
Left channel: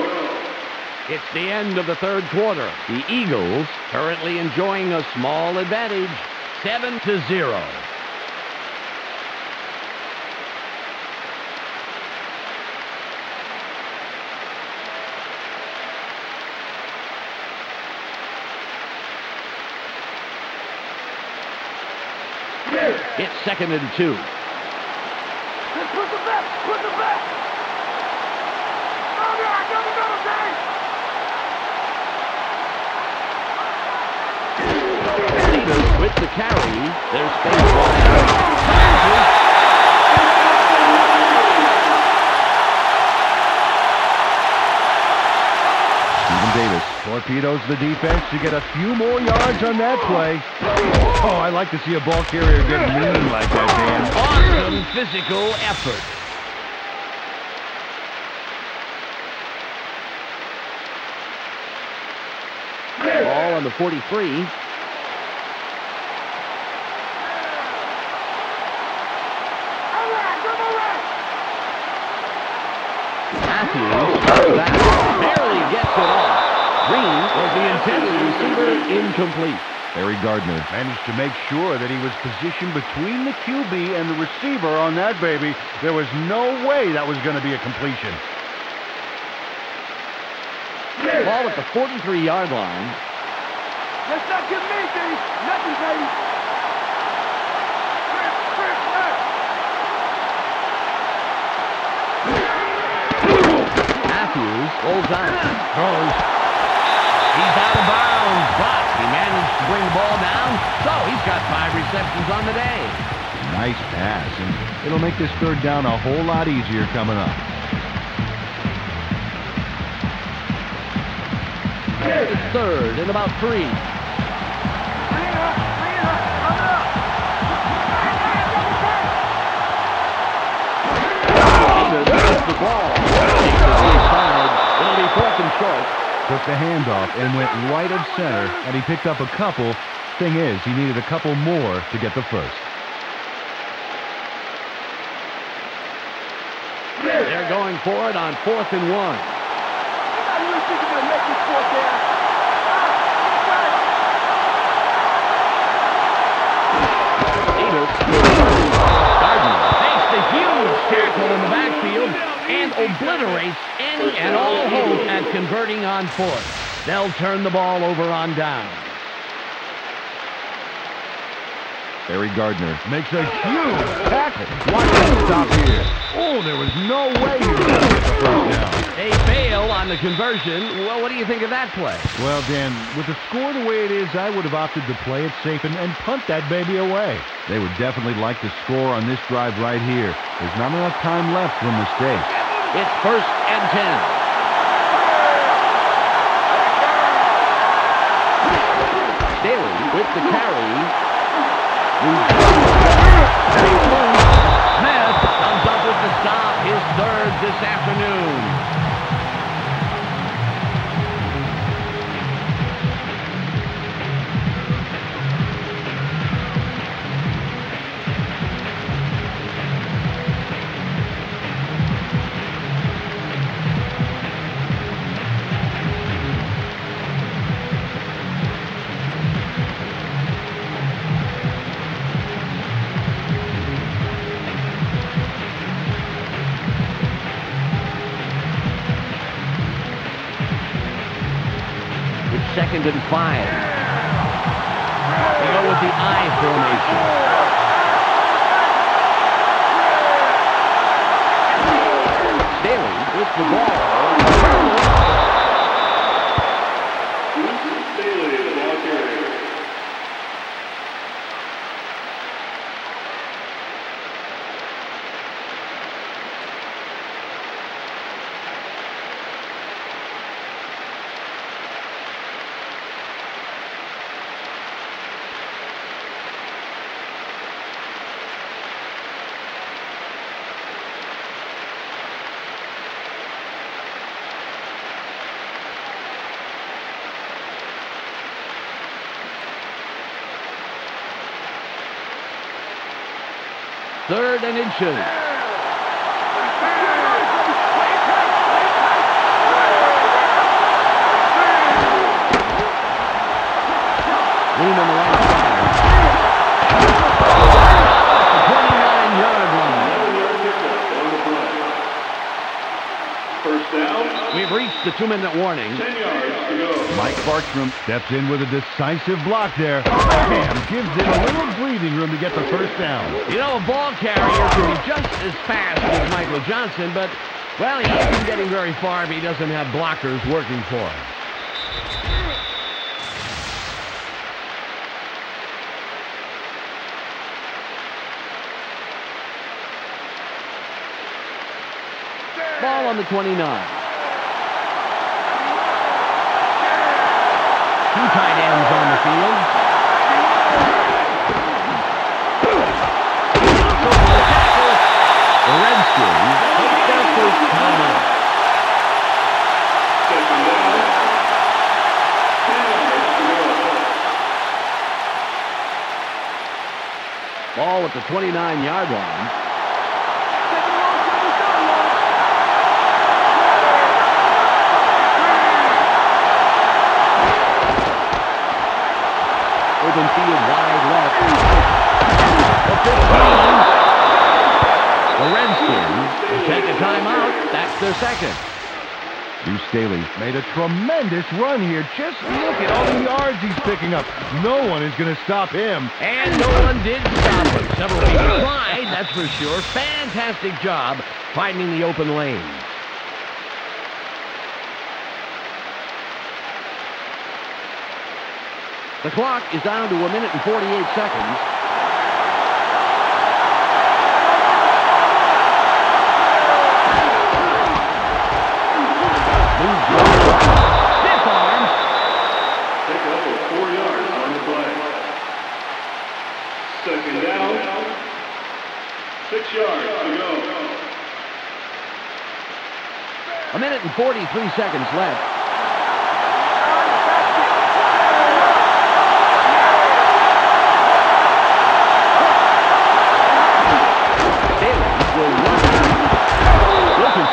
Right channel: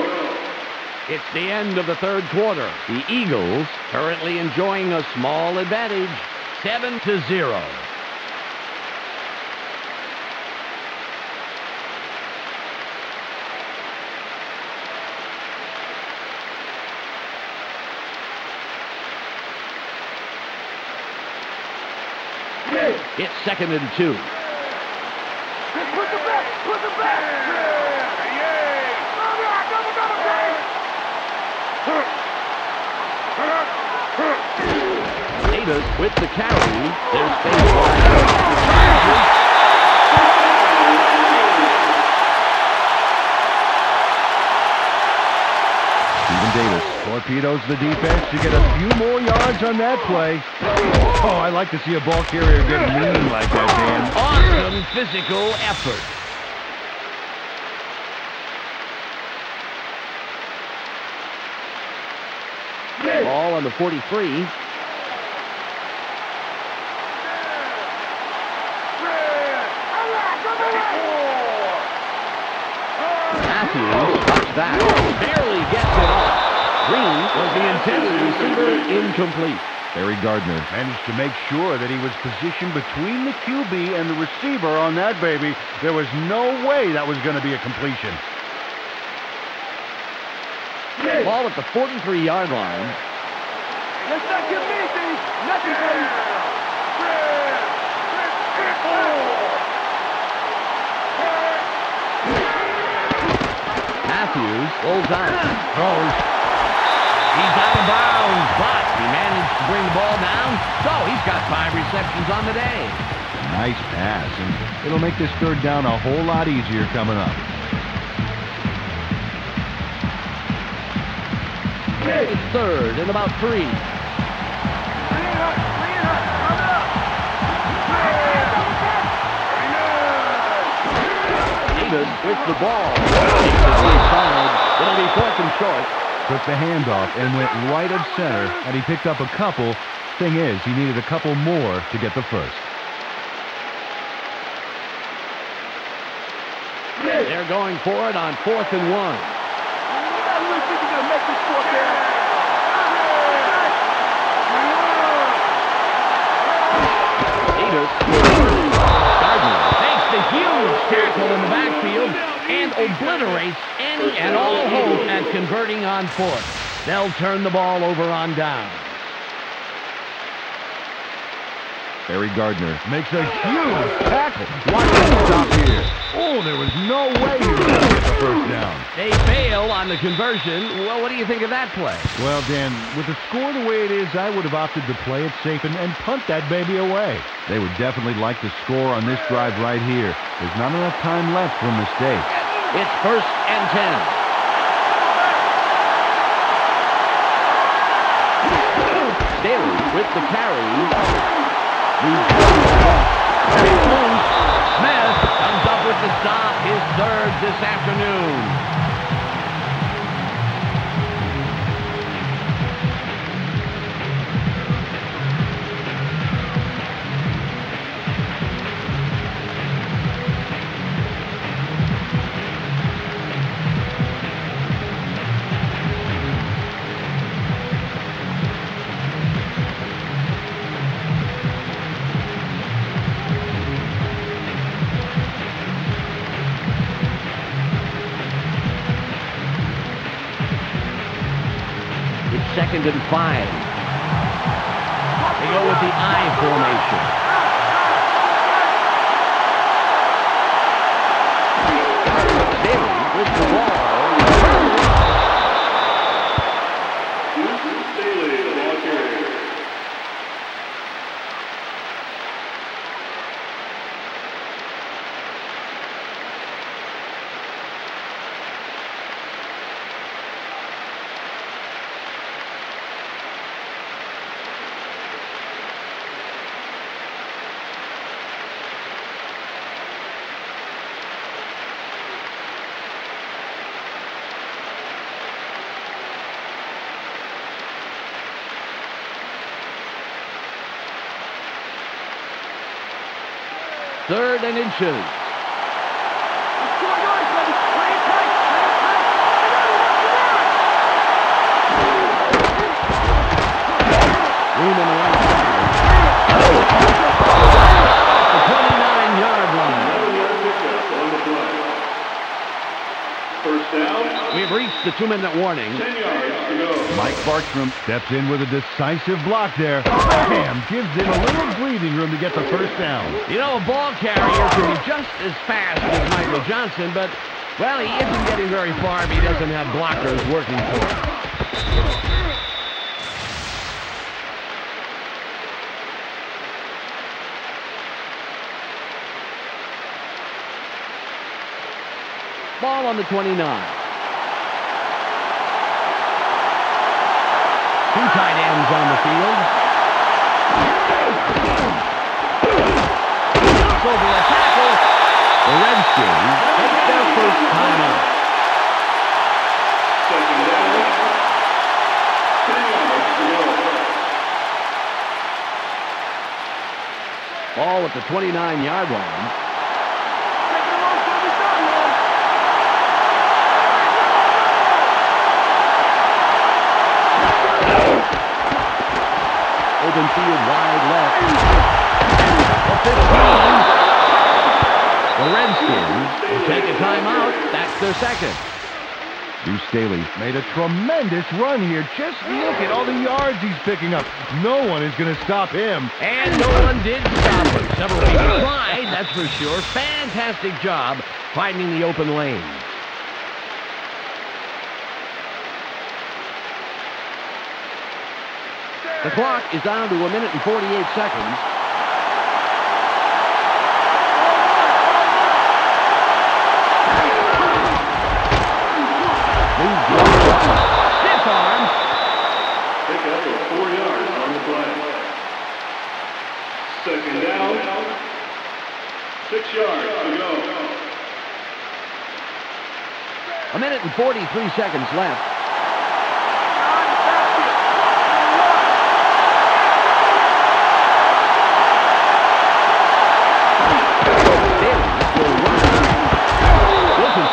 It's the end of the 3rd quarter. The Eagles currently enjoying a small advantage, 7-0. It's 2nd and 2. Let's put the back. Put the back. Double, Dave. Davis with the carry. There's space wide. Charges. Stephen Davis torpedoes the defense to get a few more yards on that play. Oh, I like to see a ball carrier get lean like that, Dan. Awesome physical effort. Ball on the 43. Matthews touched that. Barely gets it off. Green was the intended receiver, incomplete. Barry Gardner managed to make sure that he was positioned between the QB and the receiver on that baby. There was no way that was going to be a completion. Ball at the 43-yard line. Let's not get me, Dave. Nothing, baby. Matthews rolls out. Throws. He's out of bounds, but he managed to bring the ball down, so he's got 5 receptions on the day. Nice pass, and it'll make this 3rd down a whole lot easier coming up. It's 3rd and about 3. Davis with the ball. Takes it inside. It'll be 4th and short. Took the handoff and went right of center, and he picked up a couple. Thing is, he needed a couple more to get the first. They're going for it on 4th and 1. You guys really think you're going to make this 4th down? Davis. Gardner takes the huge tackle in the backfield and obliterates any and all hope at converting on 4th. They'll turn the ball over on down. Barry Gardner makes a huge tackle. Watch him stop here. Oh, there was no way he was going to get the first down. They fail on the conversion. Well, what do you think of that play? Well, Dan, with the score the way it is, I would have opted to play it safe and punt that baby away. They would definitely like to score on this drive right here. There's not enough time left for mistakes. It's 1st and 10. Staley with the carry. Smith comes up with the stop, his 3rd this afternoon. It's 2nd and 5. They go with the I formation. Staley with the ball. Staley, the ball carrier. 3rd and inches. Room on the right side. The 29-yard line. 11-yard pickup on the play. First down. We've reached the 2-minute warning. 10 yards to go. Mike Bartram steps in with a decisive block there. Bam! Gives it a little breathing room to get the first down. You know, a ball carrier can be just as fast as Michael Johnson, but, well, he isn't getting very far if he doesn't have blockers working for him. Ball on the 29. 2 tight ends on the field. Over a tackle. The Redskins take their first timeout. Second down. 10 yards to go. Ball at the 29-yard line. Open field wide left. The 15. The Redskins will take a timeout. That's their second. Deuce Staley made a tremendous run here. Just look at all the yards he's picking up. No one is going to stop him. And no one did stop him. Several people tried, that's for sure. Fantastic job finding the open lane. The clock is down to 1 minute and 48 seconds. Stiff arm. Pick up of 4 yards on the play. Second down. 6 yards to go. 1 minute and 43 seconds left.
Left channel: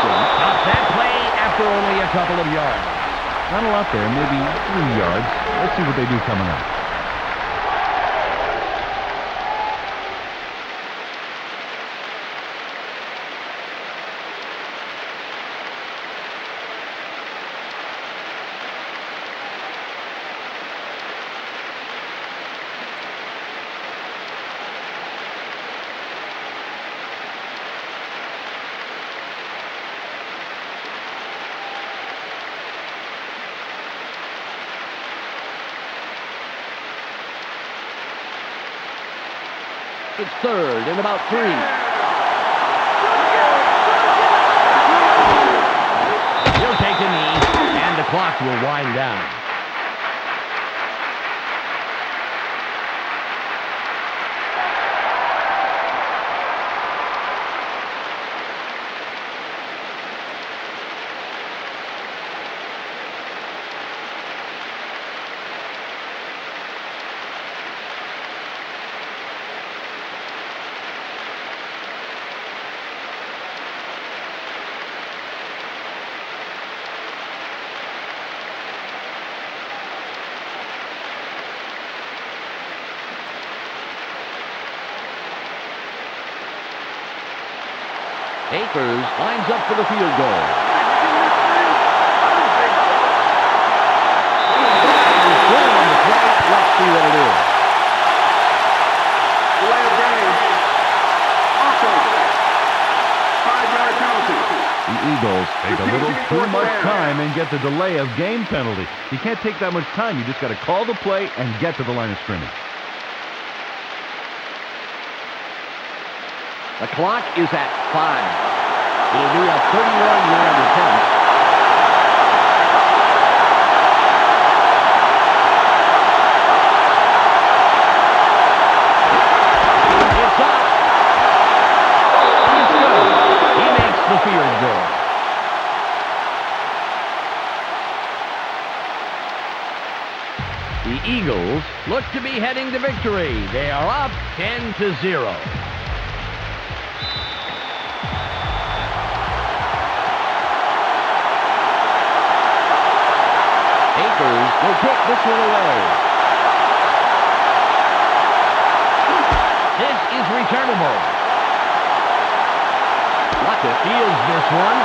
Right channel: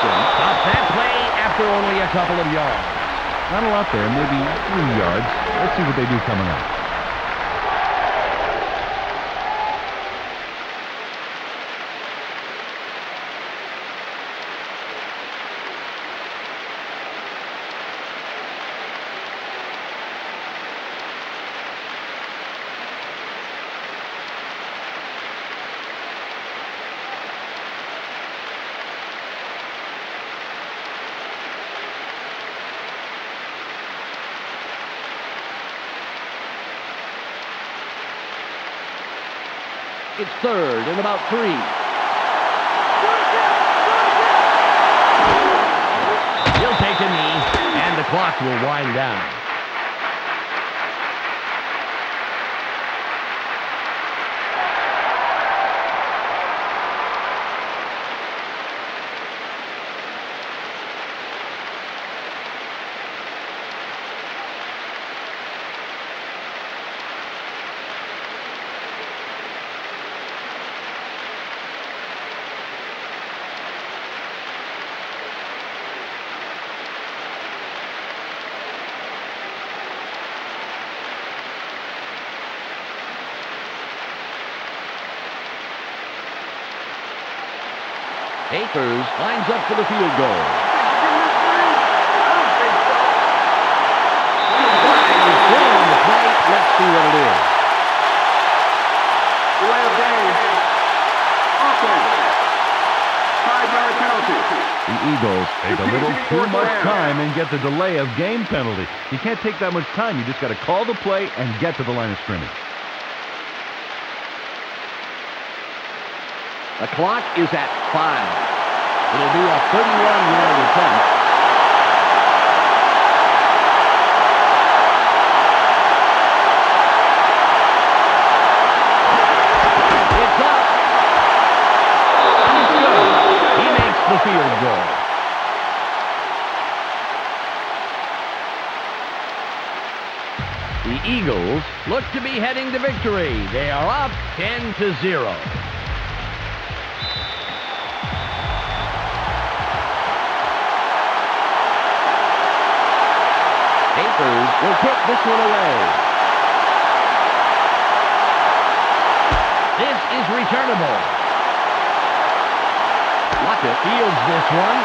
Stops that play after only a couple of yards. Not a lot there, maybe 3 yards. Let's see what they do coming up. It's 3rd and about 3. He'll take a knee, and the clock will wind down. Akers lines up for the field goal. Flag is thrown on the plate. Let's see what it is. Delay of game. Offense. 5-yard penalty. The Eagles take a little too much time and get the delay of game penalty. You can't take that much time. You just got to call the play and get to the line of scrimmage. The clock is at 5. It'll be a 31-yard attempt. It's up. He's good. He makes the field goal. The Eagles look to be heading to victory. They are up 10-0. Panthers will kick this one away. This is returnable. Lockett fields this one.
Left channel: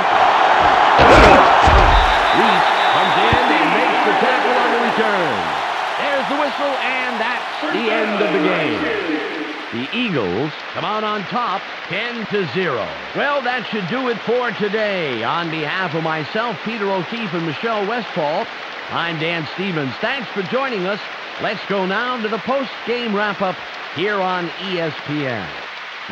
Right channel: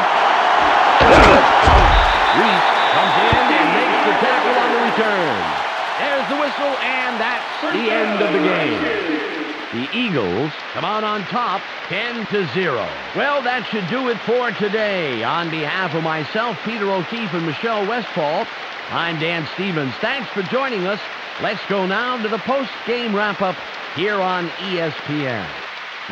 Reese comes in and makes the tackle on the return. There's the whistle, and that's the end of the game. The Eagles come out on top 10-0. Well, that should do it for today. On behalf of myself, Peter O'Keefe, and Michelle Westfall, I'm Dan Stevens. Thanks for joining us. Let's go now to the post-game wrap-up here on ESPN.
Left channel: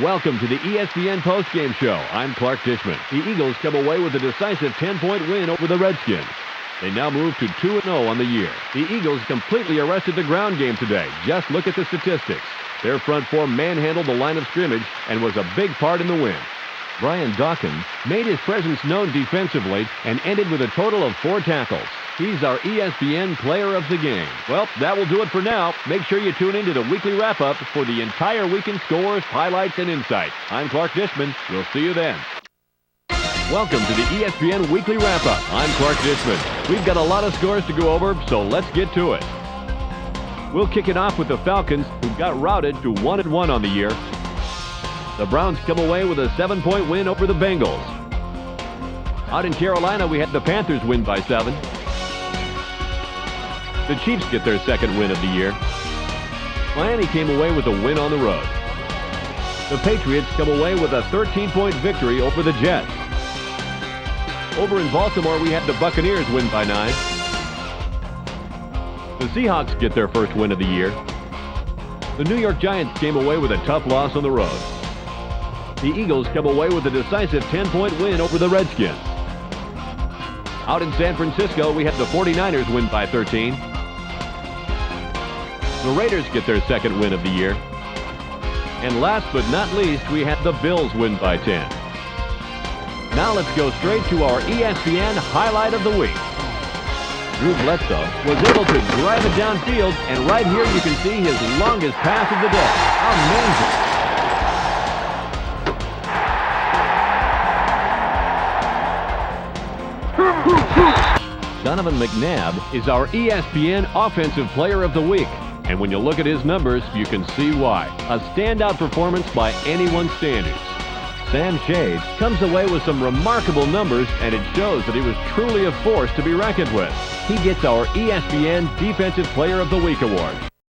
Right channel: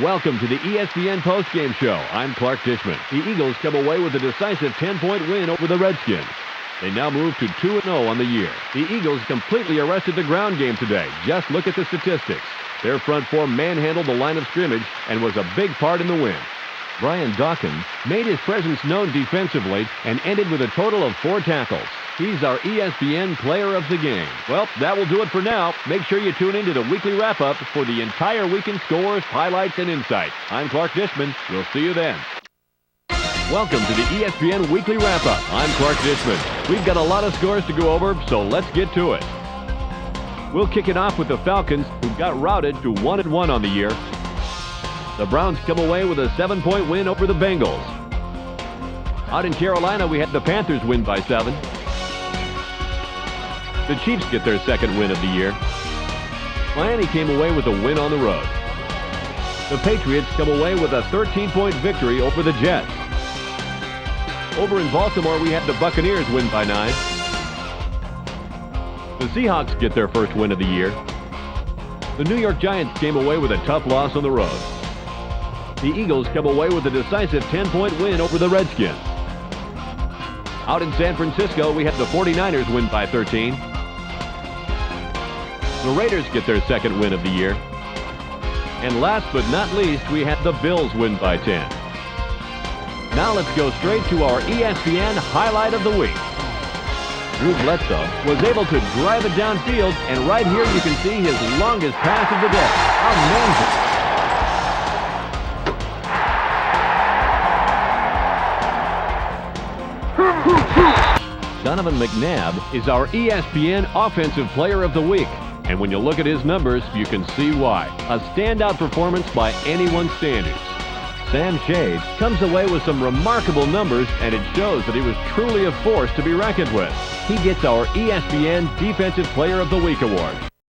Welcome to the ESPN postgame show. I'm Clark Dishman. The Eagles come away with a decisive 10-point win over the Redskins. They now move to 2-0 on the year. The Eagles completely arrested the ground game today. Just look at the statistics. Their front four manhandled the line of scrimmage and was a big part in the win. Brian Dawkins made his presence known defensively and ended with a total of 4 tackles. He's our ESPN player of the game. Well, that will do it for now. Make sure you tune into the weekly wrap-up for the entire weekend scores, highlights, and insights. I'm Clark Dishman. We'll see you then. Welcome to the ESPN Weekly Wrap-Up. I'm Clark Dishman. We've got a lot of scores to go over, so let's get to it. We'll kick it off with the Falcons, who got routed to 1-1 on the year. The Browns come away with a 7-point win over the Bengals. Out in Carolina, we had the Panthers win by 7. The Chiefs get their second win of the year. Miami came away with a win on the road. The Patriots come away with a 13-point victory over the Jets. Over in Baltimore, we had the Buccaneers win by 9. The Seahawks get their first win of the year. The New York Giants came away with a tough loss on the road. The Eagles come away with a decisive 10-point win over the Redskins. Out in San Francisco, we had the 49ers win by 13. The Raiders get their second win of the year. And last but not least, we had the Bills win by 10. Now let's go straight to our ESPN Highlight of the Week. Drew Bledsoe was able to drive it downfield, and right here you can see his longest pass of the day. Amazing. Donovan McNabb is our ESPN Offensive Player of the Week. And when you look at his numbers, you can see why. A standout performance by anyone's standards. Sam Shade comes away with some remarkable numbers, and it shows that he was truly a force to be reckoned with. He gets our ESPN Defensive Player of the Week award.